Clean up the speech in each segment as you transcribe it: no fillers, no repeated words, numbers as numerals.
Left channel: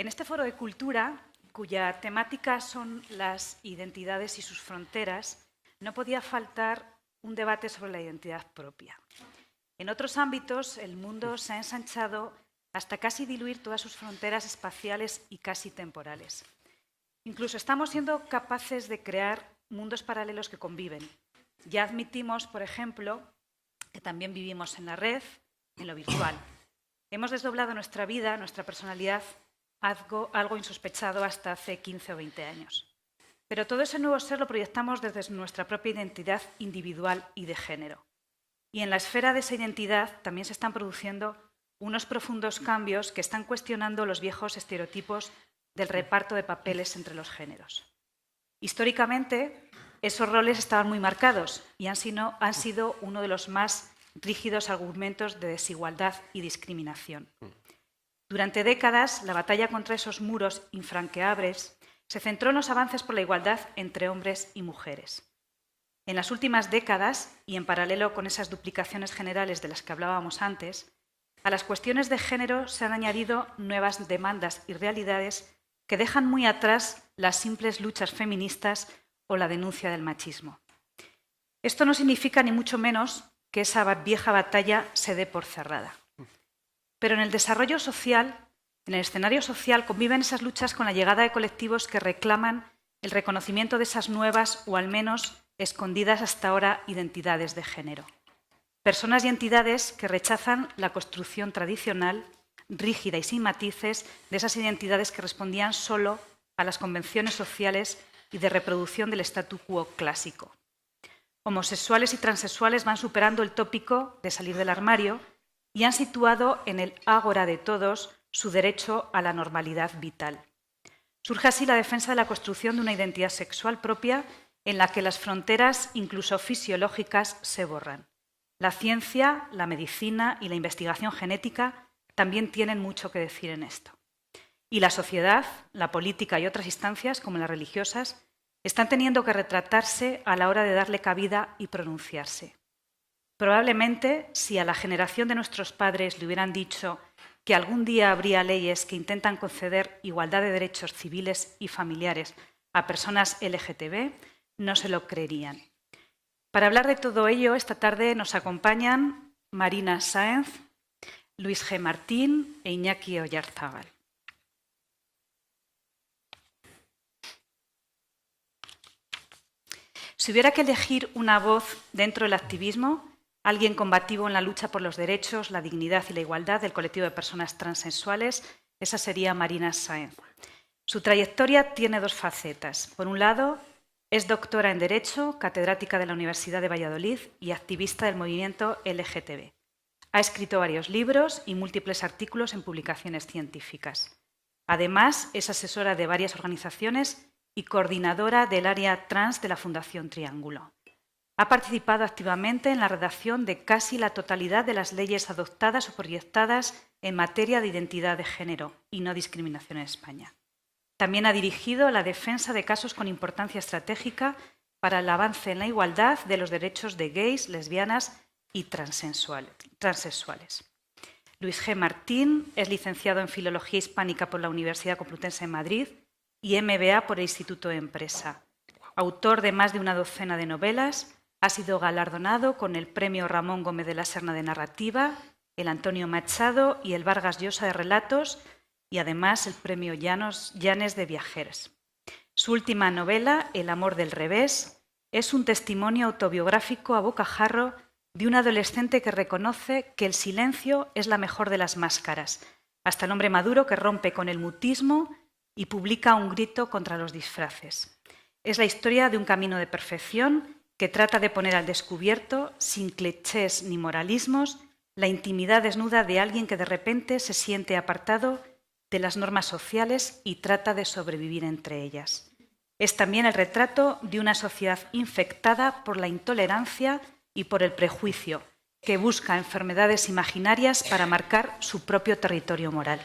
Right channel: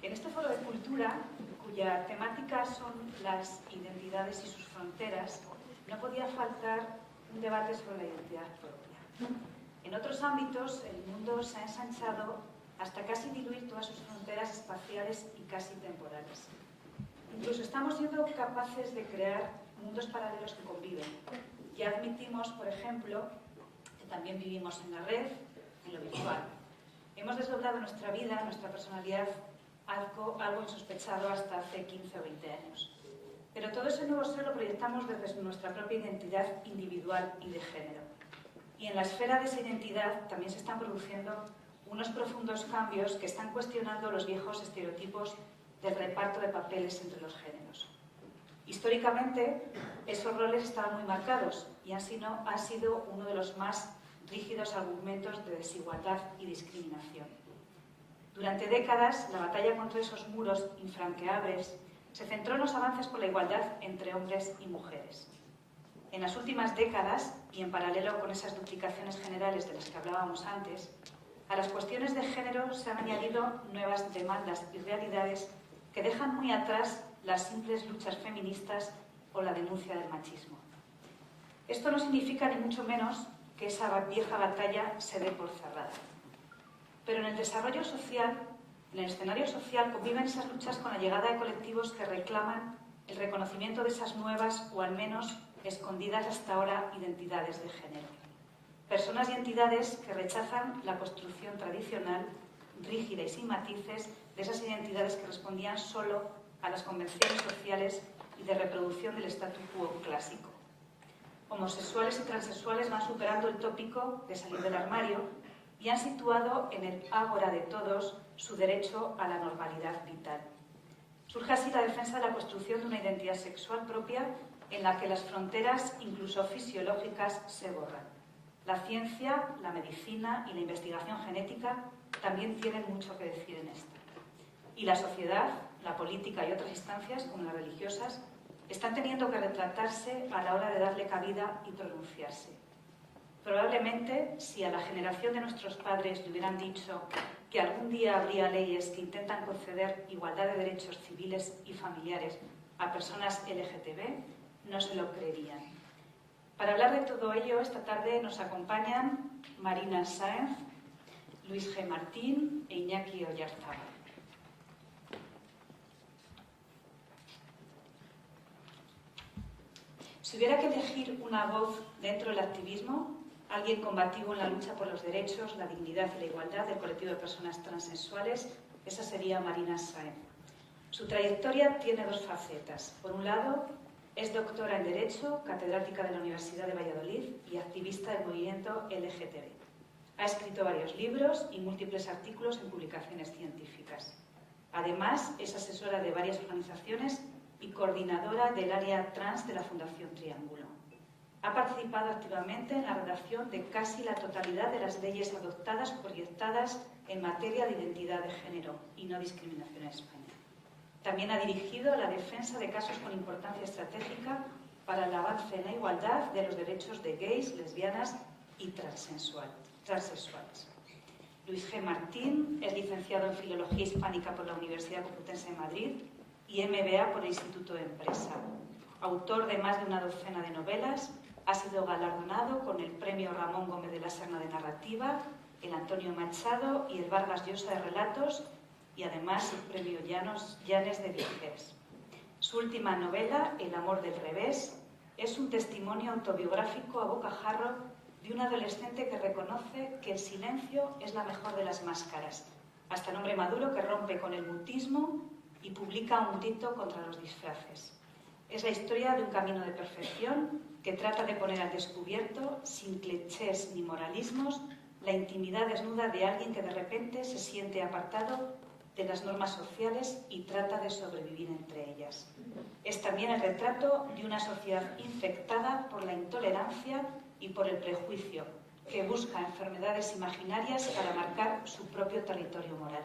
En este foro de cultura, cuya temática son las identidades y sus fronteras, no podía faltar un debate sobre la identidad propia. En otros ámbitos, el mundo se ha ensanchado hasta casi diluir todas sus fronteras espaciales y casi temporales. Incluso estamos siendo capaces de crear mundos paralelos que conviven. Ya admitimos, por ejemplo, que también vivimos en la red, en lo virtual. Hemos desdoblado nuestra vida, nuestra personalidad, algo insospechado hasta hace 15 o 20 años. Pero todo ese nuevo ser lo proyectamos desde nuestra propia identidad individual y de género. Y en la esfera de esa identidad también se están produciendo unos profundos cambios que están cuestionando los viejos estereotipos del reparto de papeles entre los géneros. Históricamente, esos roles estaban muy marcados y han sido uno de los más rígidos argumentos de desigualdad y discriminación. Durante décadas, la batalla contra esos muros infranqueables se centró en los avances por la igualdad entre hombres y mujeres. En las últimas décadas, y en paralelo con esas duplicaciones generales de las que hablábamos antes, a las cuestiones de género se han añadido nuevas demandas y realidades que dejan muy atrás las simples luchas feministas o la denuncia del machismo. Esto no significa ni mucho menos que esa vieja batalla se dé por cerrada. Pero en el desarrollo social, en el escenario social, conviven esas luchas con la llegada de colectivos que reclaman el reconocimiento de esas nuevas, o al menos escondidas hasta ahora, identidades de género. Personas y entidades que rechazan la construcción tradicional, rígida y sin matices, de esas identidades que respondían solo a las convenciones sociales y de reproducción del statu quo clásico. Homosexuales y transexuales van superando el tópico de salir del armario y han situado en el ágora de todos su derecho a la normalidad vital. Surge así la defensa de la construcción de una identidad sexual propia en la que las fronteras, incluso fisiológicas, se borran. La ciencia, la medicina y la investigación genética también tienen mucho que decir en esto. Y la sociedad, la política y otras instancias, como las religiosas, están teniendo que retratarse a la hora de darle cabida y pronunciarse. Probablemente, si a la generación de nuestros padres le hubieran dicho que algún día habría leyes que intentan conceder igualdad de derechos civiles y familiares a personas LGTB, no se lo creerían. Para hablar de todo ello, esta tarde nos acompañan Marina Sáenz, Luis G. Martín e Iñaki Oyarzábal. Si hubiera que elegir una voz dentro del activismo, alguien combativo en la lucha por los derechos, la dignidad y la igualdad del colectivo de personas transexuales, esa sería Marina Sáenz. Su trayectoria tiene dos facetas. Por un lado, es doctora en Derecho, catedrática de la Universidad de Valladolid y activista del movimiento LGTB. Ha escrito varios libros y múltiples artículos en publicaciones científicas. Además, es asesora de varias organizaciones y coordinadora del área trans de la Fundación Triángulo. Ha participado activamente en la redacción de casi la totalidad de las leyes adoptadas o proyectadas en materia de identidad de género y no discriminación en España. También ha dirigido la defensa de casos con importancia estratégica para el avance en la igualdad de los derechos de gays, lesbianas y transexuales. Luis G. Martín es licenciado en Filología Hispánica por la Universidad Complutense de Madrid y MBA por el Instituto de Empresa. Autor de más de una docena de novelas, ha sido galardonado con el Premio Ramón Gómez de la Serna de Narrativa, el Antonio Machado y el Vargas Llosa de Relatos, y además el Premio Llanes de Viajeras. Su última novela, El amor del revés, es un testimonio autobiográfico a bocajarro de un adolescente que reconoce que el silencio es la mejor de las máscaras, hasta el hombre maduro que rompe con el mutismo y publica un grito contra los disfraces. Es la historia de un camino de perfección que trata de poner al descubierto, sin clichés ni moralismos, la intimidad desnuda de alguien que de repente se siente apartado de las normas sociales y trata de sobrevivir entre ellas. Es también el retrato de una sociedad infectada por la intolerancia y por el prejuicio, que busca enfermedades imaginarias para marcar su propio territorio moral.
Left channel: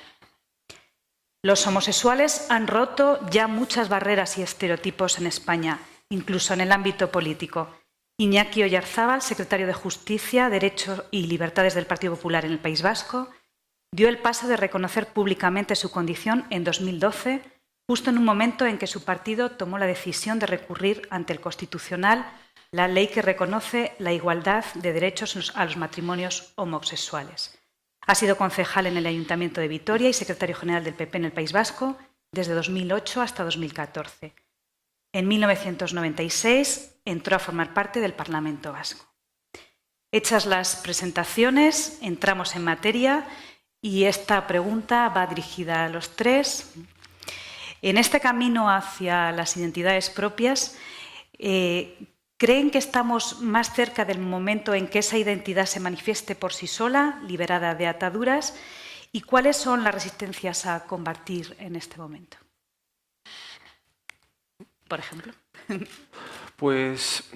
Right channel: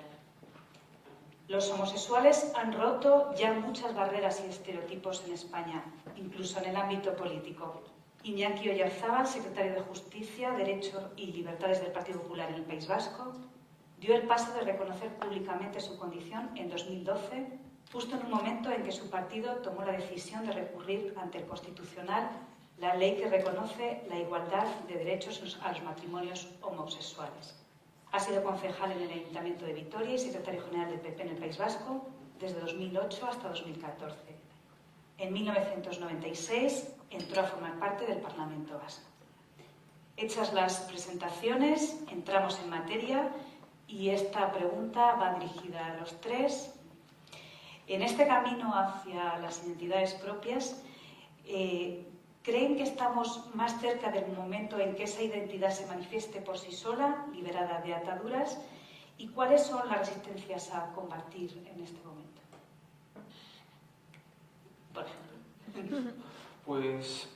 Los homosexuales han roto ya muchas barreras y estereotipos en España, incluso en el ámbito político. Iñaki Oyarzábal, secretario de Justicia, Derecho y Libertades del Partido Popular en el País Vasco, dio el paso de reconocer públicamente su condición en 2012, justo en un momento en que su partido tomó la decisión de recurrir ante el Constitucional la ley que reconoce la igualdad de derechos a los matrimonios homosexuales. Ha sido concejal en el Ayuntamiento de Vitoria y secretario general del PP en el País Vasco desde 2008 hasta 2014. En 1996 entró a formar parte del Parlamento Vasco. Hechas las presentaciones, entramos en materia y esta pregunta va dirigida a los tres. En este camino hacia las identidades propias, ¿creen que estamos más cerca del momento en que esa identidad se manifieste por sí sola, liberada de ataduras? ¿Y cuáles son las resistencias a combatir en este momento? Por ejemplo. Pues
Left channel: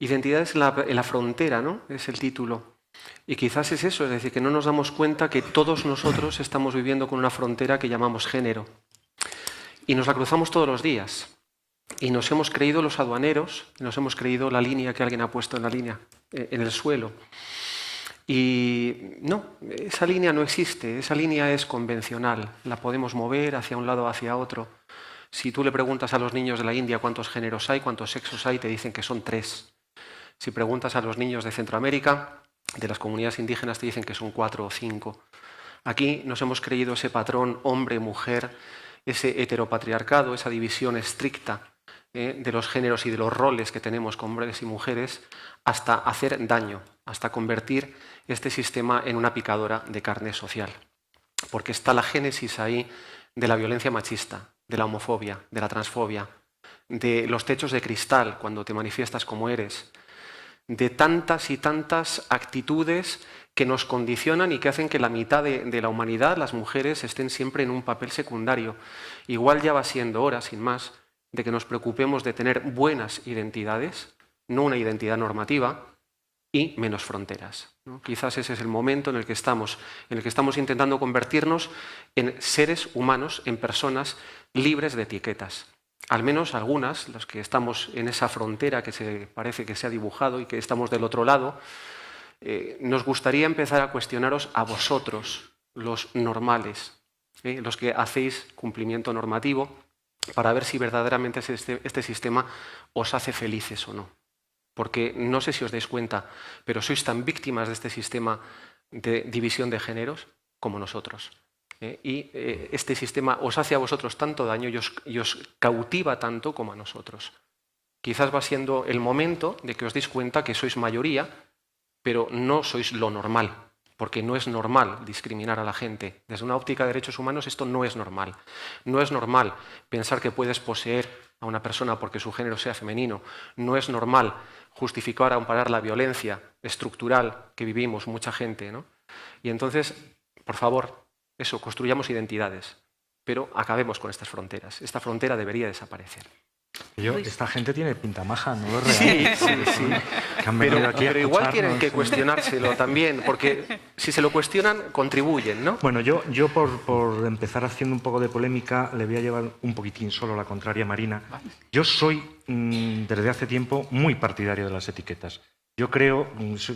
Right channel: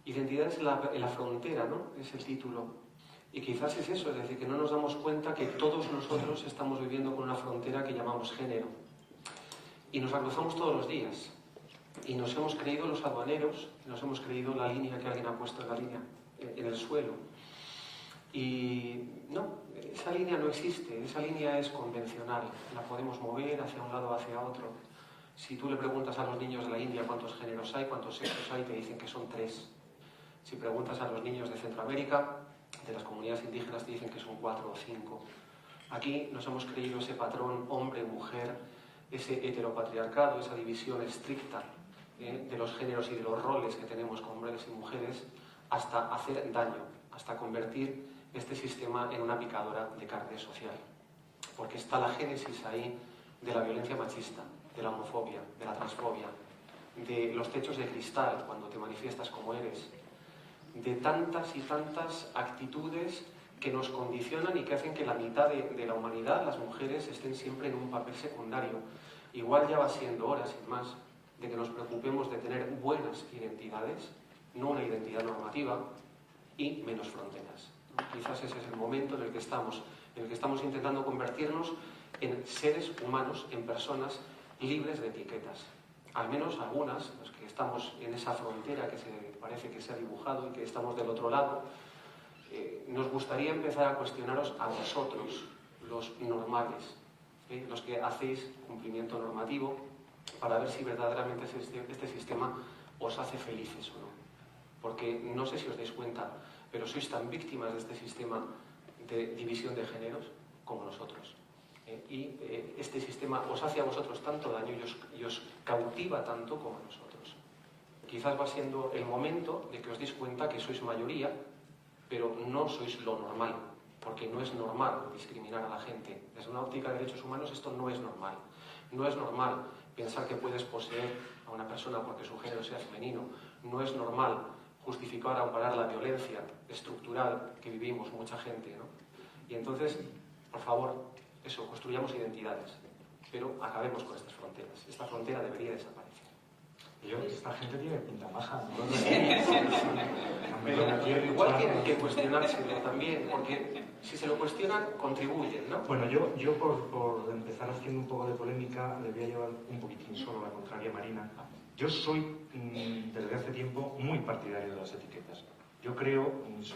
identidades en la frontera, ¿no? Es el título. Y quizás es eso, es decir, que no nos damos cuenta que todos nosotros estamos viviendo con una frontera que llamamos género. Y nos la cruzamos todos los días. Y nos hemos creído los aduaneros, nos hemos creído la línea que alguien ha puesto en la línea, en el suelo. Y no, esa línea no existe, esa línea es convencional, la podemos mover hacia un lado o hacia otro. Si tú le preguntas a los niños de la India cuántos géneros hay, cuántos sexos hay, te dicen que son 3. Si preguntas a los niños de Centroamérica, de las comunidades indígenas, te dicen que son 4 o 5. Aquí nos hemos creído ese patrón hombre-mujer, ese heteropatriarcado, esa división estricta de los géneros y de los roles que tenemos con hombres y mujeres, hasta hacer daño, hasta convertir este sistema en una picadora de carne social. Porque está la génesis ahí de la violencia machista, de la homofobia, de la transfobia, de los techos de cristal cuando te manifiestas como eres, de tantas y tantas actitudes que nos condicionan y que hacen que la mitad de la humanidad, las mujeres, estén siempre en un papel secundario. Igual ya va siendo hora, sin más, de que nos preocupemos de tener buenas identidades, no una identidad normativa, y menos fronteras, ¿no? Quizás ese es el momento en el que estamos intentando convertirnos en seres humanos, en personas libres de etiquetas. Al menos algunas, los que estamos en esa frontera que parece que se ha dibujado y que estamos del otro lado, nos gustaría empezar a cuestionaros a vosotros, los normales, los que hacéis cumplimiento normativo, para ver si verdaderamente este sistema os hace felices o no. Porque no sé si os dais cuenta, pero sois tan víctimas de este sistema de división de géneros como nosotros. Y este sistema os hace a vosotros tanto daño y os cautiva tanto como a nosotros. Quizás va siendo el momento de que os deis cuenta que sois mayoría, pero no sois lo normal, porque no es normal discriminar a la gente. Desde una óptica de derechos humanos esto no es normal. No es normal pensar que puedes poseer a una persona porque su género sea femenino. No es normal justificar o amparar la violencia estructural que vivimos mucha gente, ¿no? Y entonces, por favor, eso, construyamos identidades, pero acabemos con estas fronteras. Esta frontera debería desaparecer. Esta gente tiene pinta maja, ¿no? ¿Es real? Sí. Pero igual tienen que cuestionárselo también, porque si se lo cuestionan, contribuyen, ¿no? Bueno, yo por empezar haciendo un poco de polémica, le voy a llevar un poquitín solo la contraria a Marina. Yo soy, desde hace tiempo, muy partidario de las etiquetas. Yo creo,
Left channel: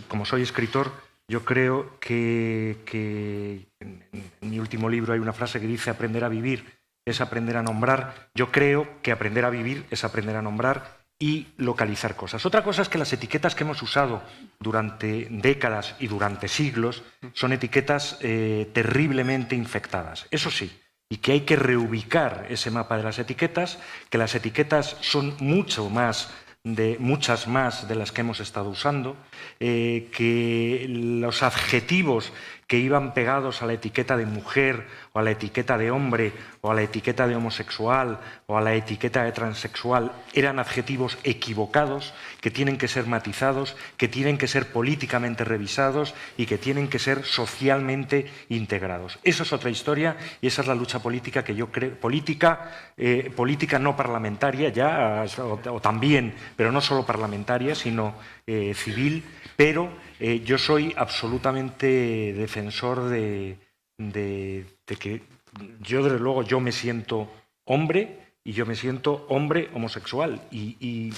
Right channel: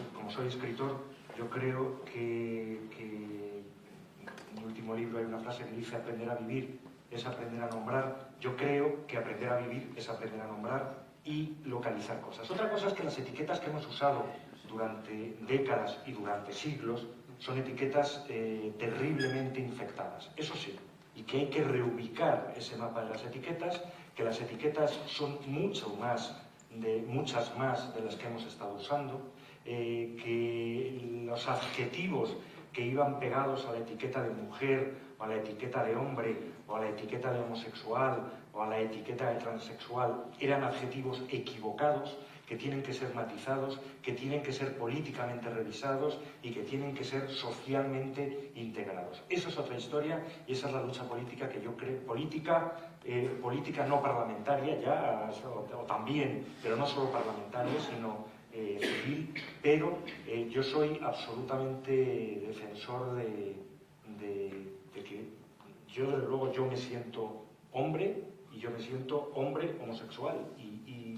como soy escritor, yo creo que en mi último libro hay una frase que dice: aprender a vivir es aprender a nombrar. Yo creo que aprender a vivir es aprender a nombrar y localizar cosas. Otra cosa es que las etiquetas que hemos usado durante décadas y durante siglos son etiquetas terriblemente infectadas. Eso sí, y que hay que reubicar ese mapa de las etiquetas, que las etiquetas son muchas más de las que hemos estado usando, que los adjetivos que iban pegados a la etiqueta de mujer o a la etiqueta de hombre o a la etiqueta de homosexual o a la etiqueta de transexual eran adjetivos equivocados, que tienen que ser matizados, que tienen que ser políticamente revisados y que tienen que ser socialmente integrados. Esa es otra historia y esa es la lucha política que yo creo, política no parlamentaria ya, o también, pero no solo parlamentaria, sino civil, pero yo soy absolutamente defensor de que yo, desde luego, yo me siento hombre y yo me siento hombre homosexual y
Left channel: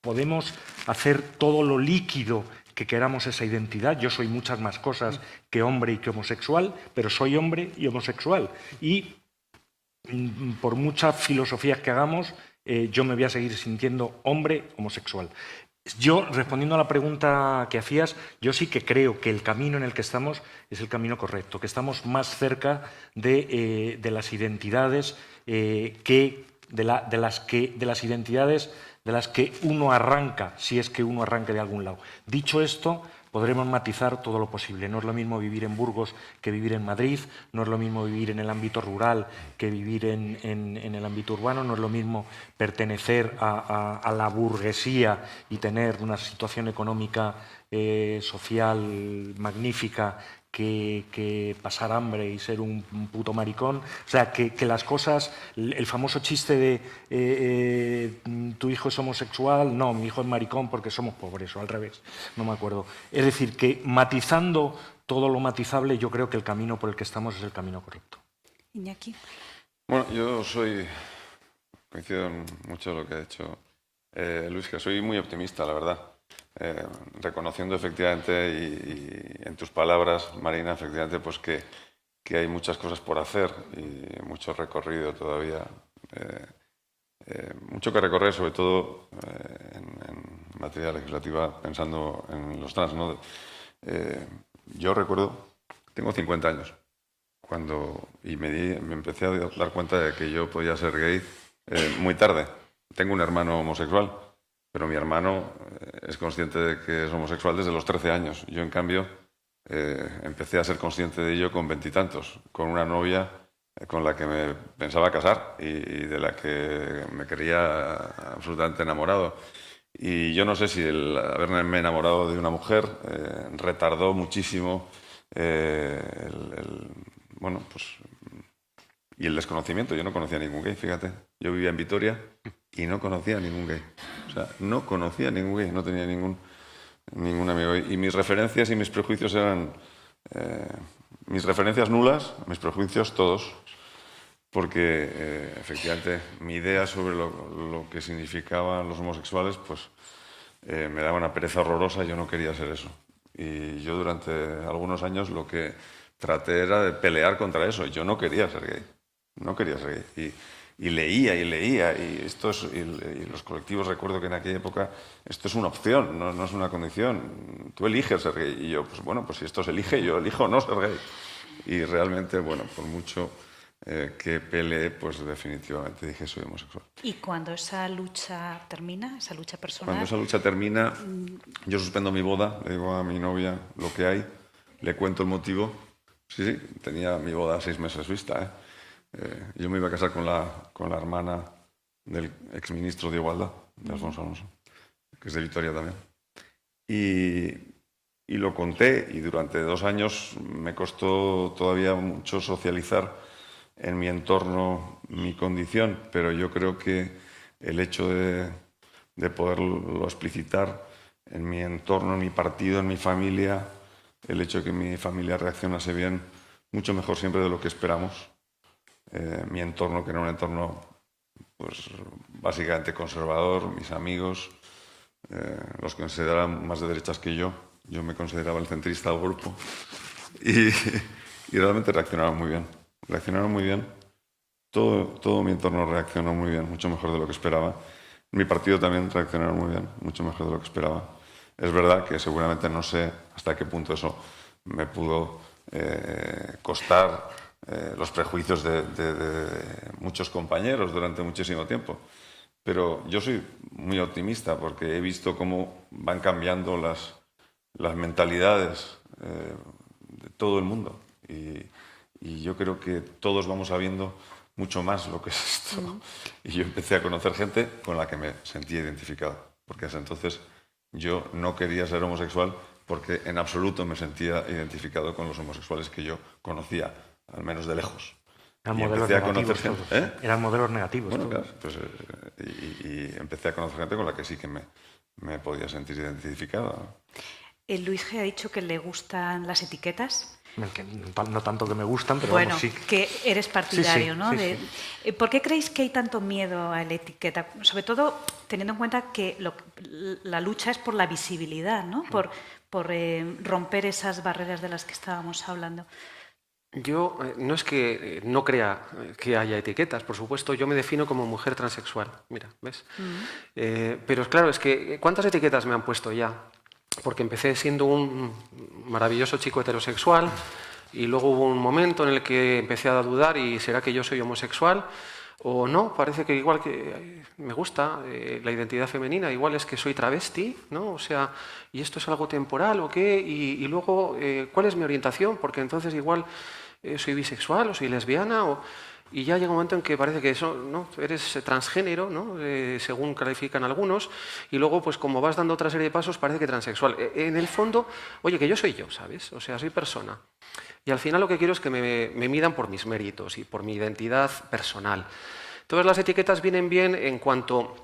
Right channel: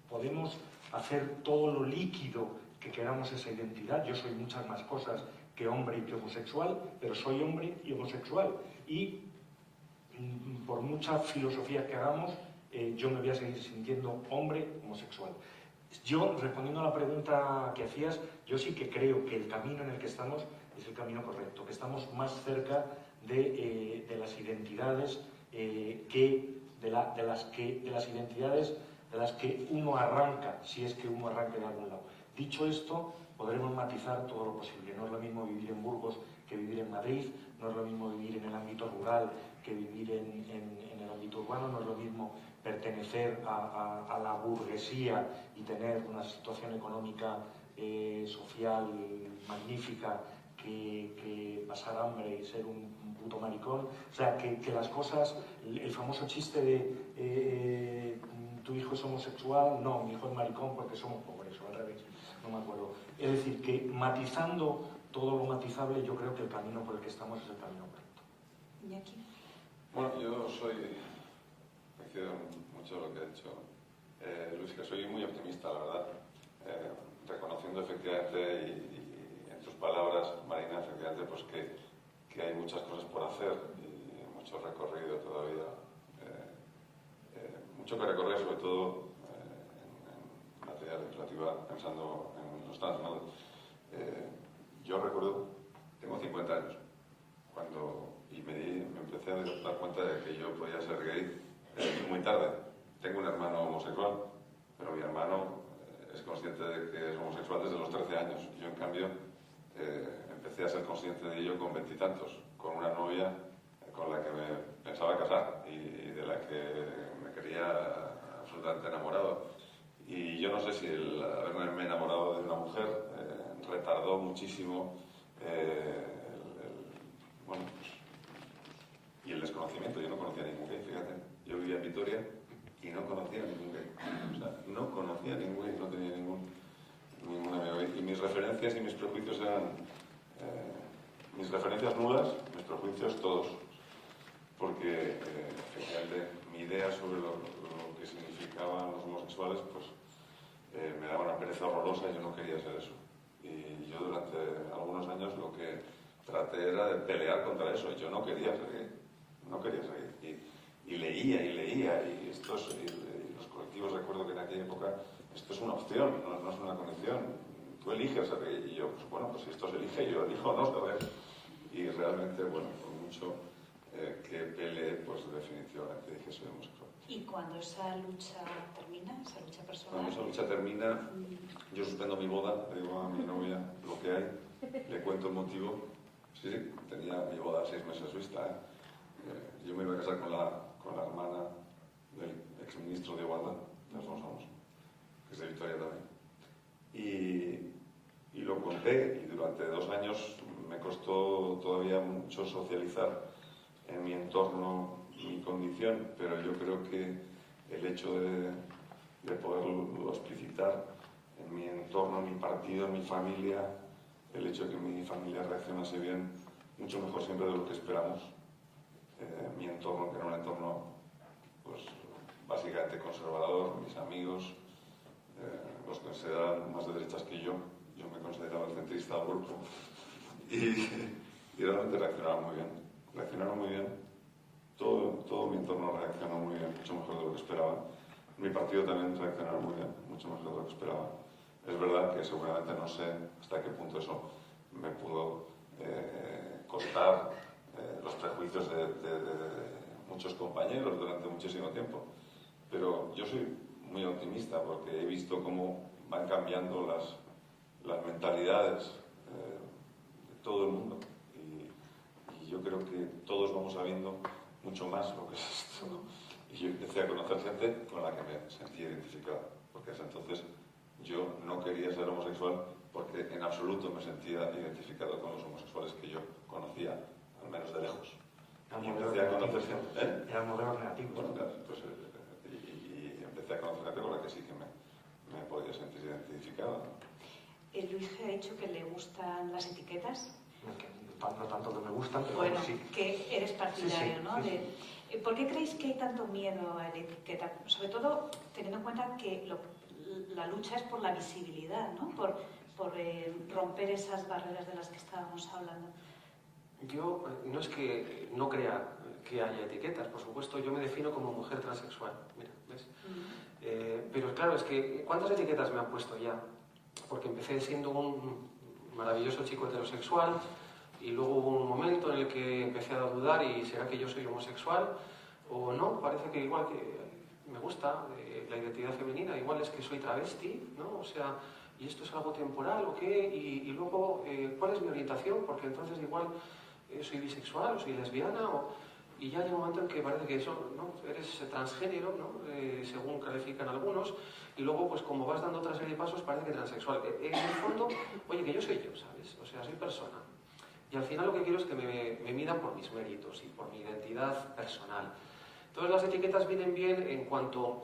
podemos hacer todo lo líquido que queramos esa identidad. Yo soy muchas más cosas que hombre y que homosexual, pero soy hombre y homosexual. Y por muchas filosofías que hagamos, yo me voy a seguir sintiendo hombre homosexual. Yo, respondiendo a la pregunta que hacías, yo sí que creo que el camino en el que estamos es el camino correcto, que estamos más cerca de las identidades de las que uno arranca, si es que uno arranca de algún lado. Dicho esto, podremos matizar todo lo posible. No es lo mismo vivir en Burgos que vivir en Madrid, no es lo mismo vivir en el ámbito rural que vivir en el ámbito urbano, no es lo mismo pertenecer a la burguesía y tener una situación económica social magnífica que pasar hambre y ser un puto maricón. O sea, que las cosas, el famoso chiste de tu hijo es homosexual, no, mi hijo es maricón porque somos pobres, o al revés, no me acuerdo. Es decir, que matizando todo lo matizable, yo creo que el camino por el que estamos es el camino correcto. Iñaki. Bueno, coincido en mucho de lo que ha dicho Luis, que soy muy optimista, la verdad. Reconociendo efectivamente y en tus palabras, Marina, efectivamente, pues que hay muchas cosas por hacer y mucho recorrido todavía, mucho que recorrer, sobre todo en materia legislativa, pensando en los trans, ¿no? Yo recuerdo, tengo 50 años, y me empecé a dar cuenta de que yo podía ser gay muy tarde. Tengo un hermano homosexual, pero mi hermano es consciente de que es homosexual desde los 13 años. Yo, en cambio, empecé a ser consciente de ello con 20 y tantos, con una novia con la que me pensaba casar y de la que me quería absolutamente enamorado. Y yo no sé si el haberme enamorado de una mujer retardó muchísimo bueno, pues, y el desconocimiento. Yo no conocía a ningún gay, fíjate. Yo vivía en Vitoria y no conocía a ningún gay. O sea, no conocía a ningún gay, no tenía ningún amigo gay. Y mis referencias y mis prejuicios eran... mis referencias nulas, mis prejuicios todos. Porque, efectivamente, mi idea sobre lo que significaban los homosexuales, pues me daba una pereza horrorosa y yo no quería ser eso. Y yo durante algunos años lo que traté era de pelear contra eso. Yo no quería ser gay. No quería ser gay. Y leía, y los colectivos, recuerdo que en aquella época, esto es una opción, no es una condición. Tú eliges ser gay. Y yo, pues bueno, pues si esto se elige, yo elijo no ser gay. Y realmente, bueno, por mucho que peleé, pues definitivamente dije soy homosexual. ¿Y cuando esa lucha termina, esa lucha personal? Cuando esa lucha termina, yo suspendo mi boda, le digo a mi novia lo que hay, le cuento el motivo. Sí, tenía mi boda a 6 meses vista, yo me iba a casar con la hermana del exministro de Igualdad, de Alfonso Alonso, que es de Vitoria también. Y lo conté, y durante 2 años me costó todavía mucho socializar en mi entorno mi condición, pero yo creo que el hecho de poderlo explicitar en mi entorno, en mi partido, en mi familia, el hecho de que mi familia reaccionase bien, mucho mejor siempre de lo que esperamos. Mi entorno, que era un entorno pues, básicamente conservador, mis amigos, los que consideraban más de derechas que yo me consideraba el centrista del grupo, y realmente reaccionaron muy bien. Todo mi entorno reaccionó muy bien, mucho mejor de lo que esperaba. Mi partido también reaccionaron muy bien, mucho mejor de lo que esperaba. Es verdad que seguramente no sé hasta qué punto eso me pudo costar los prejuicios de muchos compañeros durante muchísimo tiempo. Pero yo soy muy optimista porque he visto cómo van cambiando las mentalidades de todo el mundo. Y yo creo que todos vamos sabiendo mucho más lo que es esto. Y yo empecé a conocer gente con la que me sentía identificado. Porque hasta entonces yo no quería ser homosexual porque en absoluto me sentía identificado con los homosexuales que yo conocía, al menos de lejos. Eran modelos negativos. Eran modelos negativos. Bueno, claro, pues, y empecé a conocer gente con la que sí que me podía sentir identificado, ¿no? Luis G. ha dicho que le gustan las etiquetas. No tanto que me gustan, pero bueno, vamos, sí. Que eres partidario, sí, ¿no? Sí. ¿Por qué creéis que hay tanto miedo a la etiqueta? Sobre todo teniendo en cuenta que la lucha es por la visibilidad, ¿no? Por romper esas barreras de las que estábamos hablando. Yo no es que no crea que haya etiquetas, por supuesto, yo me defino como mujer transexual, mira, ¿ves? Pero claro, es que ¿cuántas etiquetas me han puesto ya? Porque empecé siendo un maravilloso chico heterosexual y luego hubo un momento en el que empecé a dudar y ¿será que yo soy homosexual? O no, parece que igual que me gusta la identidad femenina, igual es que soy travesti, ¿no? O sea, ¿y esto es algo temporal o qué? Y luego, ¿cuál es mi orientación? Porque entonces igual soy bisexual o soy lesbiana y ya llega un momento en que parece que eso, ¿no? Eres transgénero, ¿no? Según califican algunos, y luego, pues como vas dando otra serie de pasos, parece que transexual. En el fondo, oye, que yo soy yo, ¿sabes? O sea, soy persona. Y al final lo que quiero es que me midan por mis méritos y por mi identidad personal. Todas las etiquetas vienen bien en cuanto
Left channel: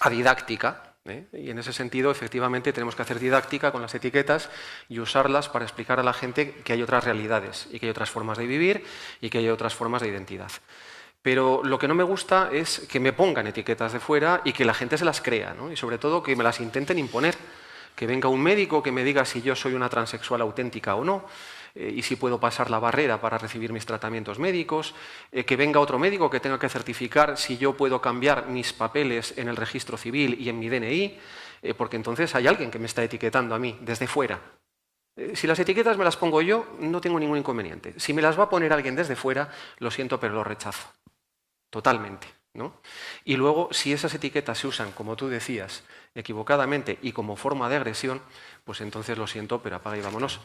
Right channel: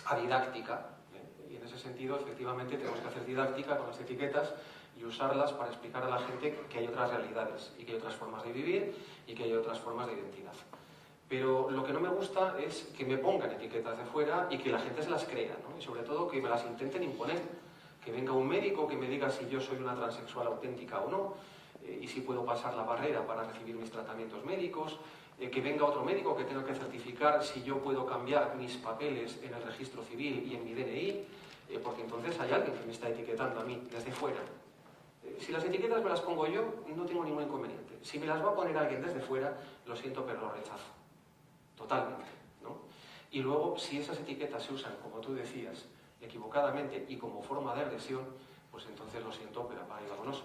a didáctica, ¿eh? Y en ese sentido, efectivamente, tenemos que hacer didáctica con las etiquetas y usarlas para explicar a la gente que hay otras realidades y que hay otras formas de vivir y que hay otras formas de identidad. Pero lo que no me gusta es que me pongan etiquetas de fuera y que la gente se las crea, ¿no? Y sobre todo que me las intenten imponer. Que venga un médico que me diga si yo soy una transexual auténtica o no, y si puedo pasar la barrera para recibir mis tratamientos médicos, que venga otro médico que tenga que certificar si yo puedo cambiar mis papeles en el registro civil y en mi DNI, porque entonces hay alguien que me está etiquetando a mí desde fuera. Si las etiquetas me las pongo yo, no tengo ningún inconveniente. Si me las va a poner alguien desde fuera, lo siento, pero lo rechazo. Totalmente, ¿no? Y luego, si esas etiquetas se usan, como tú decías, equivocadamente y como forma de agresión, pues entonces lo siento, pero apaga y vámonos.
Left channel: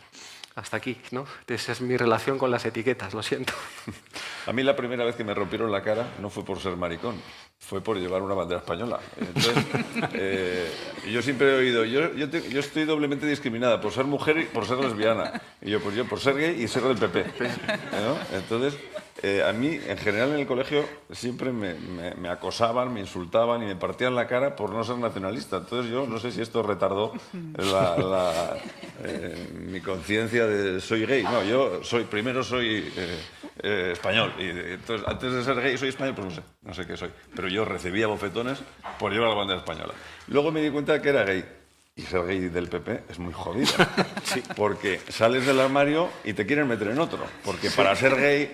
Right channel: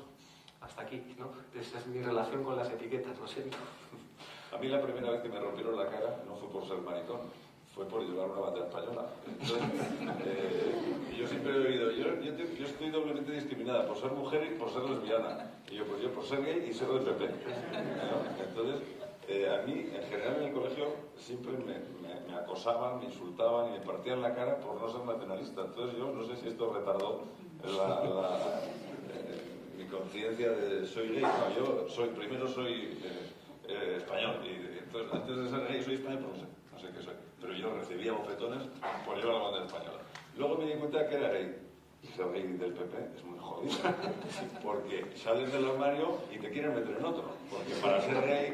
Hasta aquí, ¿no? Esa es mi relación con las etiquetas, lo siento. A mí la primera vez que me rompieron la cara no fue por ser maricón, fue por llevar una bandera española. Entonces, yo siempre he oído, yo estoy doblemente discriminada por ser mujer y por ser lesbiana. Y yo, pues yo por ser gay y ser del PP. ¿No? Entonces, a mí, en general, en el colegio siempre me acosaban, me insultaban y me partían la cara por no ser nacionalista. Entonces yo no sé si esto retardó mi conciencia de soy gay. No, yo primero soy español. Y entonces, antes de ser gay soy español, pues no sé qué soy. Pero yo recibía bofetones por llevar la bandera española. Luego me di cuenta de que era gay. Y ser gay del PP es muy jodido, sí, porque sales del armario y te quieren meter en otro. Porque para ser gay,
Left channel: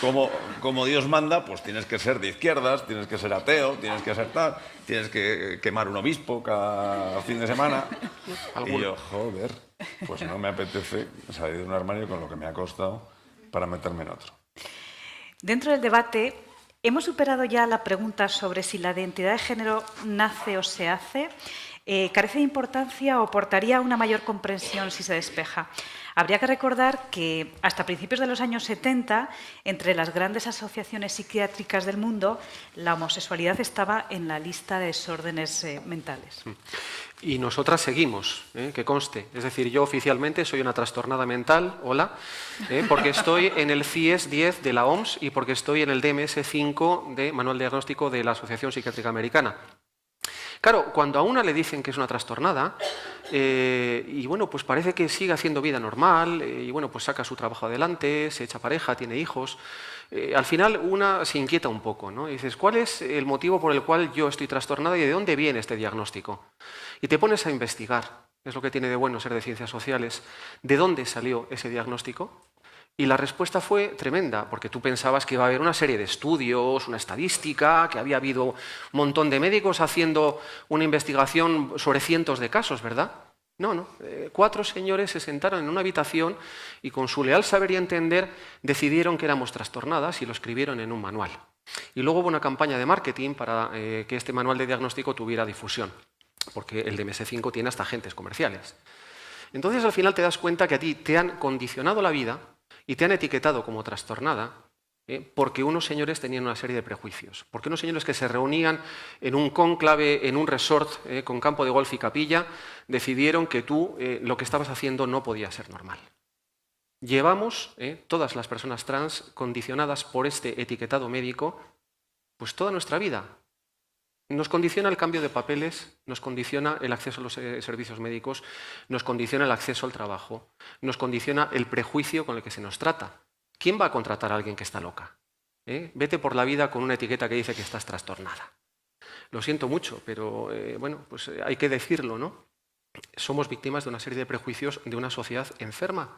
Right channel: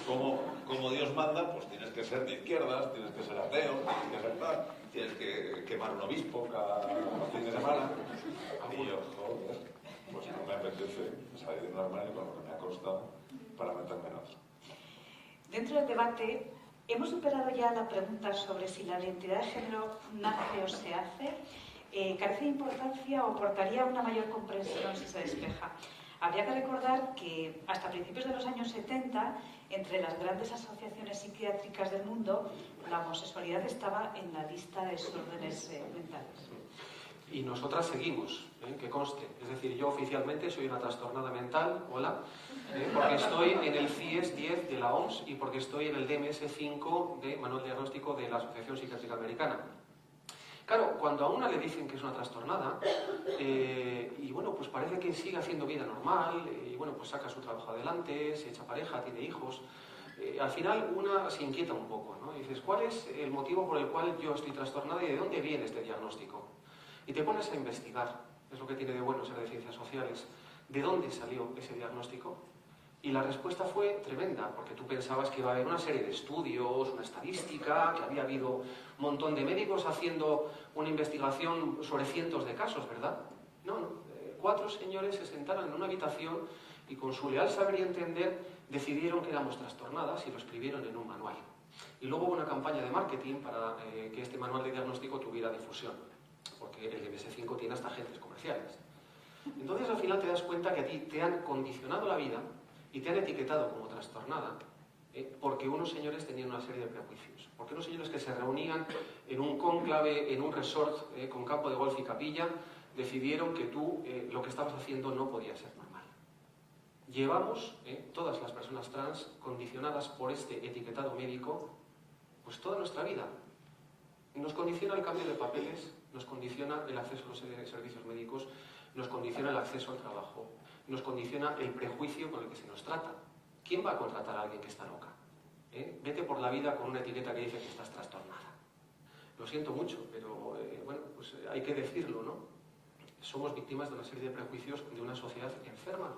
como Dios manda, pues tienes que ser de izquierdas, tienes que ser ateo, tienes que ser tal, tienes que quemar un obispo cada fin de semana. Y yo, joder, pues no me apetece salir de un armario con lo que me ha costado para meterme en otro. Dentro del debate, hemos superado ya la pregunta sobre si la identidad de género nace o se hace. ¿Carece de importancia o aportaría una mayor comprensión si se despeja? Habría que recordar que hasta principios de los años 70, entre las grandes asociaciones psiquiátricas del mundo, la homosexualidad estaba en la lista de desórdenes mentales. Y nosotras seguimos, que conste. Es decir, yo oficialmente soy una trastornada mental, hola, porque estoy en el CIES 10 de la OMS y porque estoy en el DMS5 de Manual Diagnóstico de la Asociación Psiquiátrica Americana. Claro, cuando a una le dicen que es una trastornada, y bueno, pues parece que sigue haciendo vida normal, y bueno, pues saca su trabajo adelante, se echa pareja, tiene hijos, al final una se inquieta un poco, ¿no? Y dices, ¿cuál es el motivo por el cual yo estoy trastornada y de dónde viene este diagnóstico? Y te pones a investigar, es lo que tiene de bueno ser de ciencias sociales, ¿de dónde salió ese diagnóstico? Y la respuesta fue tremenda, porque tú pensabas que iba a haber una serie de estudios, una estadística, que había habido un montón de médicos haciendo una investigación sobre cientos de casos, ¿verdad? No. 4 señores se sentaron en una habitación y con su leal saber y entender decidieron que éramos trastornadas y lo escribieron en un manual. Y luego hubo una campaña de marketing para que este manual de diagnóstico tuviera difusión, porque el DMS5 tiene hasta agentes comerciales. Entonces al final te das cuenta que a ti te han condicionado la vida y te han etiquetado como trastornada porque unos señores tenían una serie de prejuicios, porque unos señores que se reunían en un cónclave, en un resort con campo de golf y capilla, decidieron que tú lo que estabas haciendo no podía ser normal. Llevamos, todas las personas trans, condicionadas por este etiquetado médico, pues toda nuestra vida. Nos condiciona el cambio de papeles, nos condiciona el acceso a los servicios médicos, nos condiciona el acceso al trabajo, nos condiciona el prejuicio con el que se nos trata. ¿Quién va a contratar a alguien que está loca? Vete por la vida con una etiqueta que dice que estás trastornada. Lo siento mucho, pero bueno, pues hay que decirlo, ¿no? Somos víctimas de una serie de prejuicios de una sociedad enferma,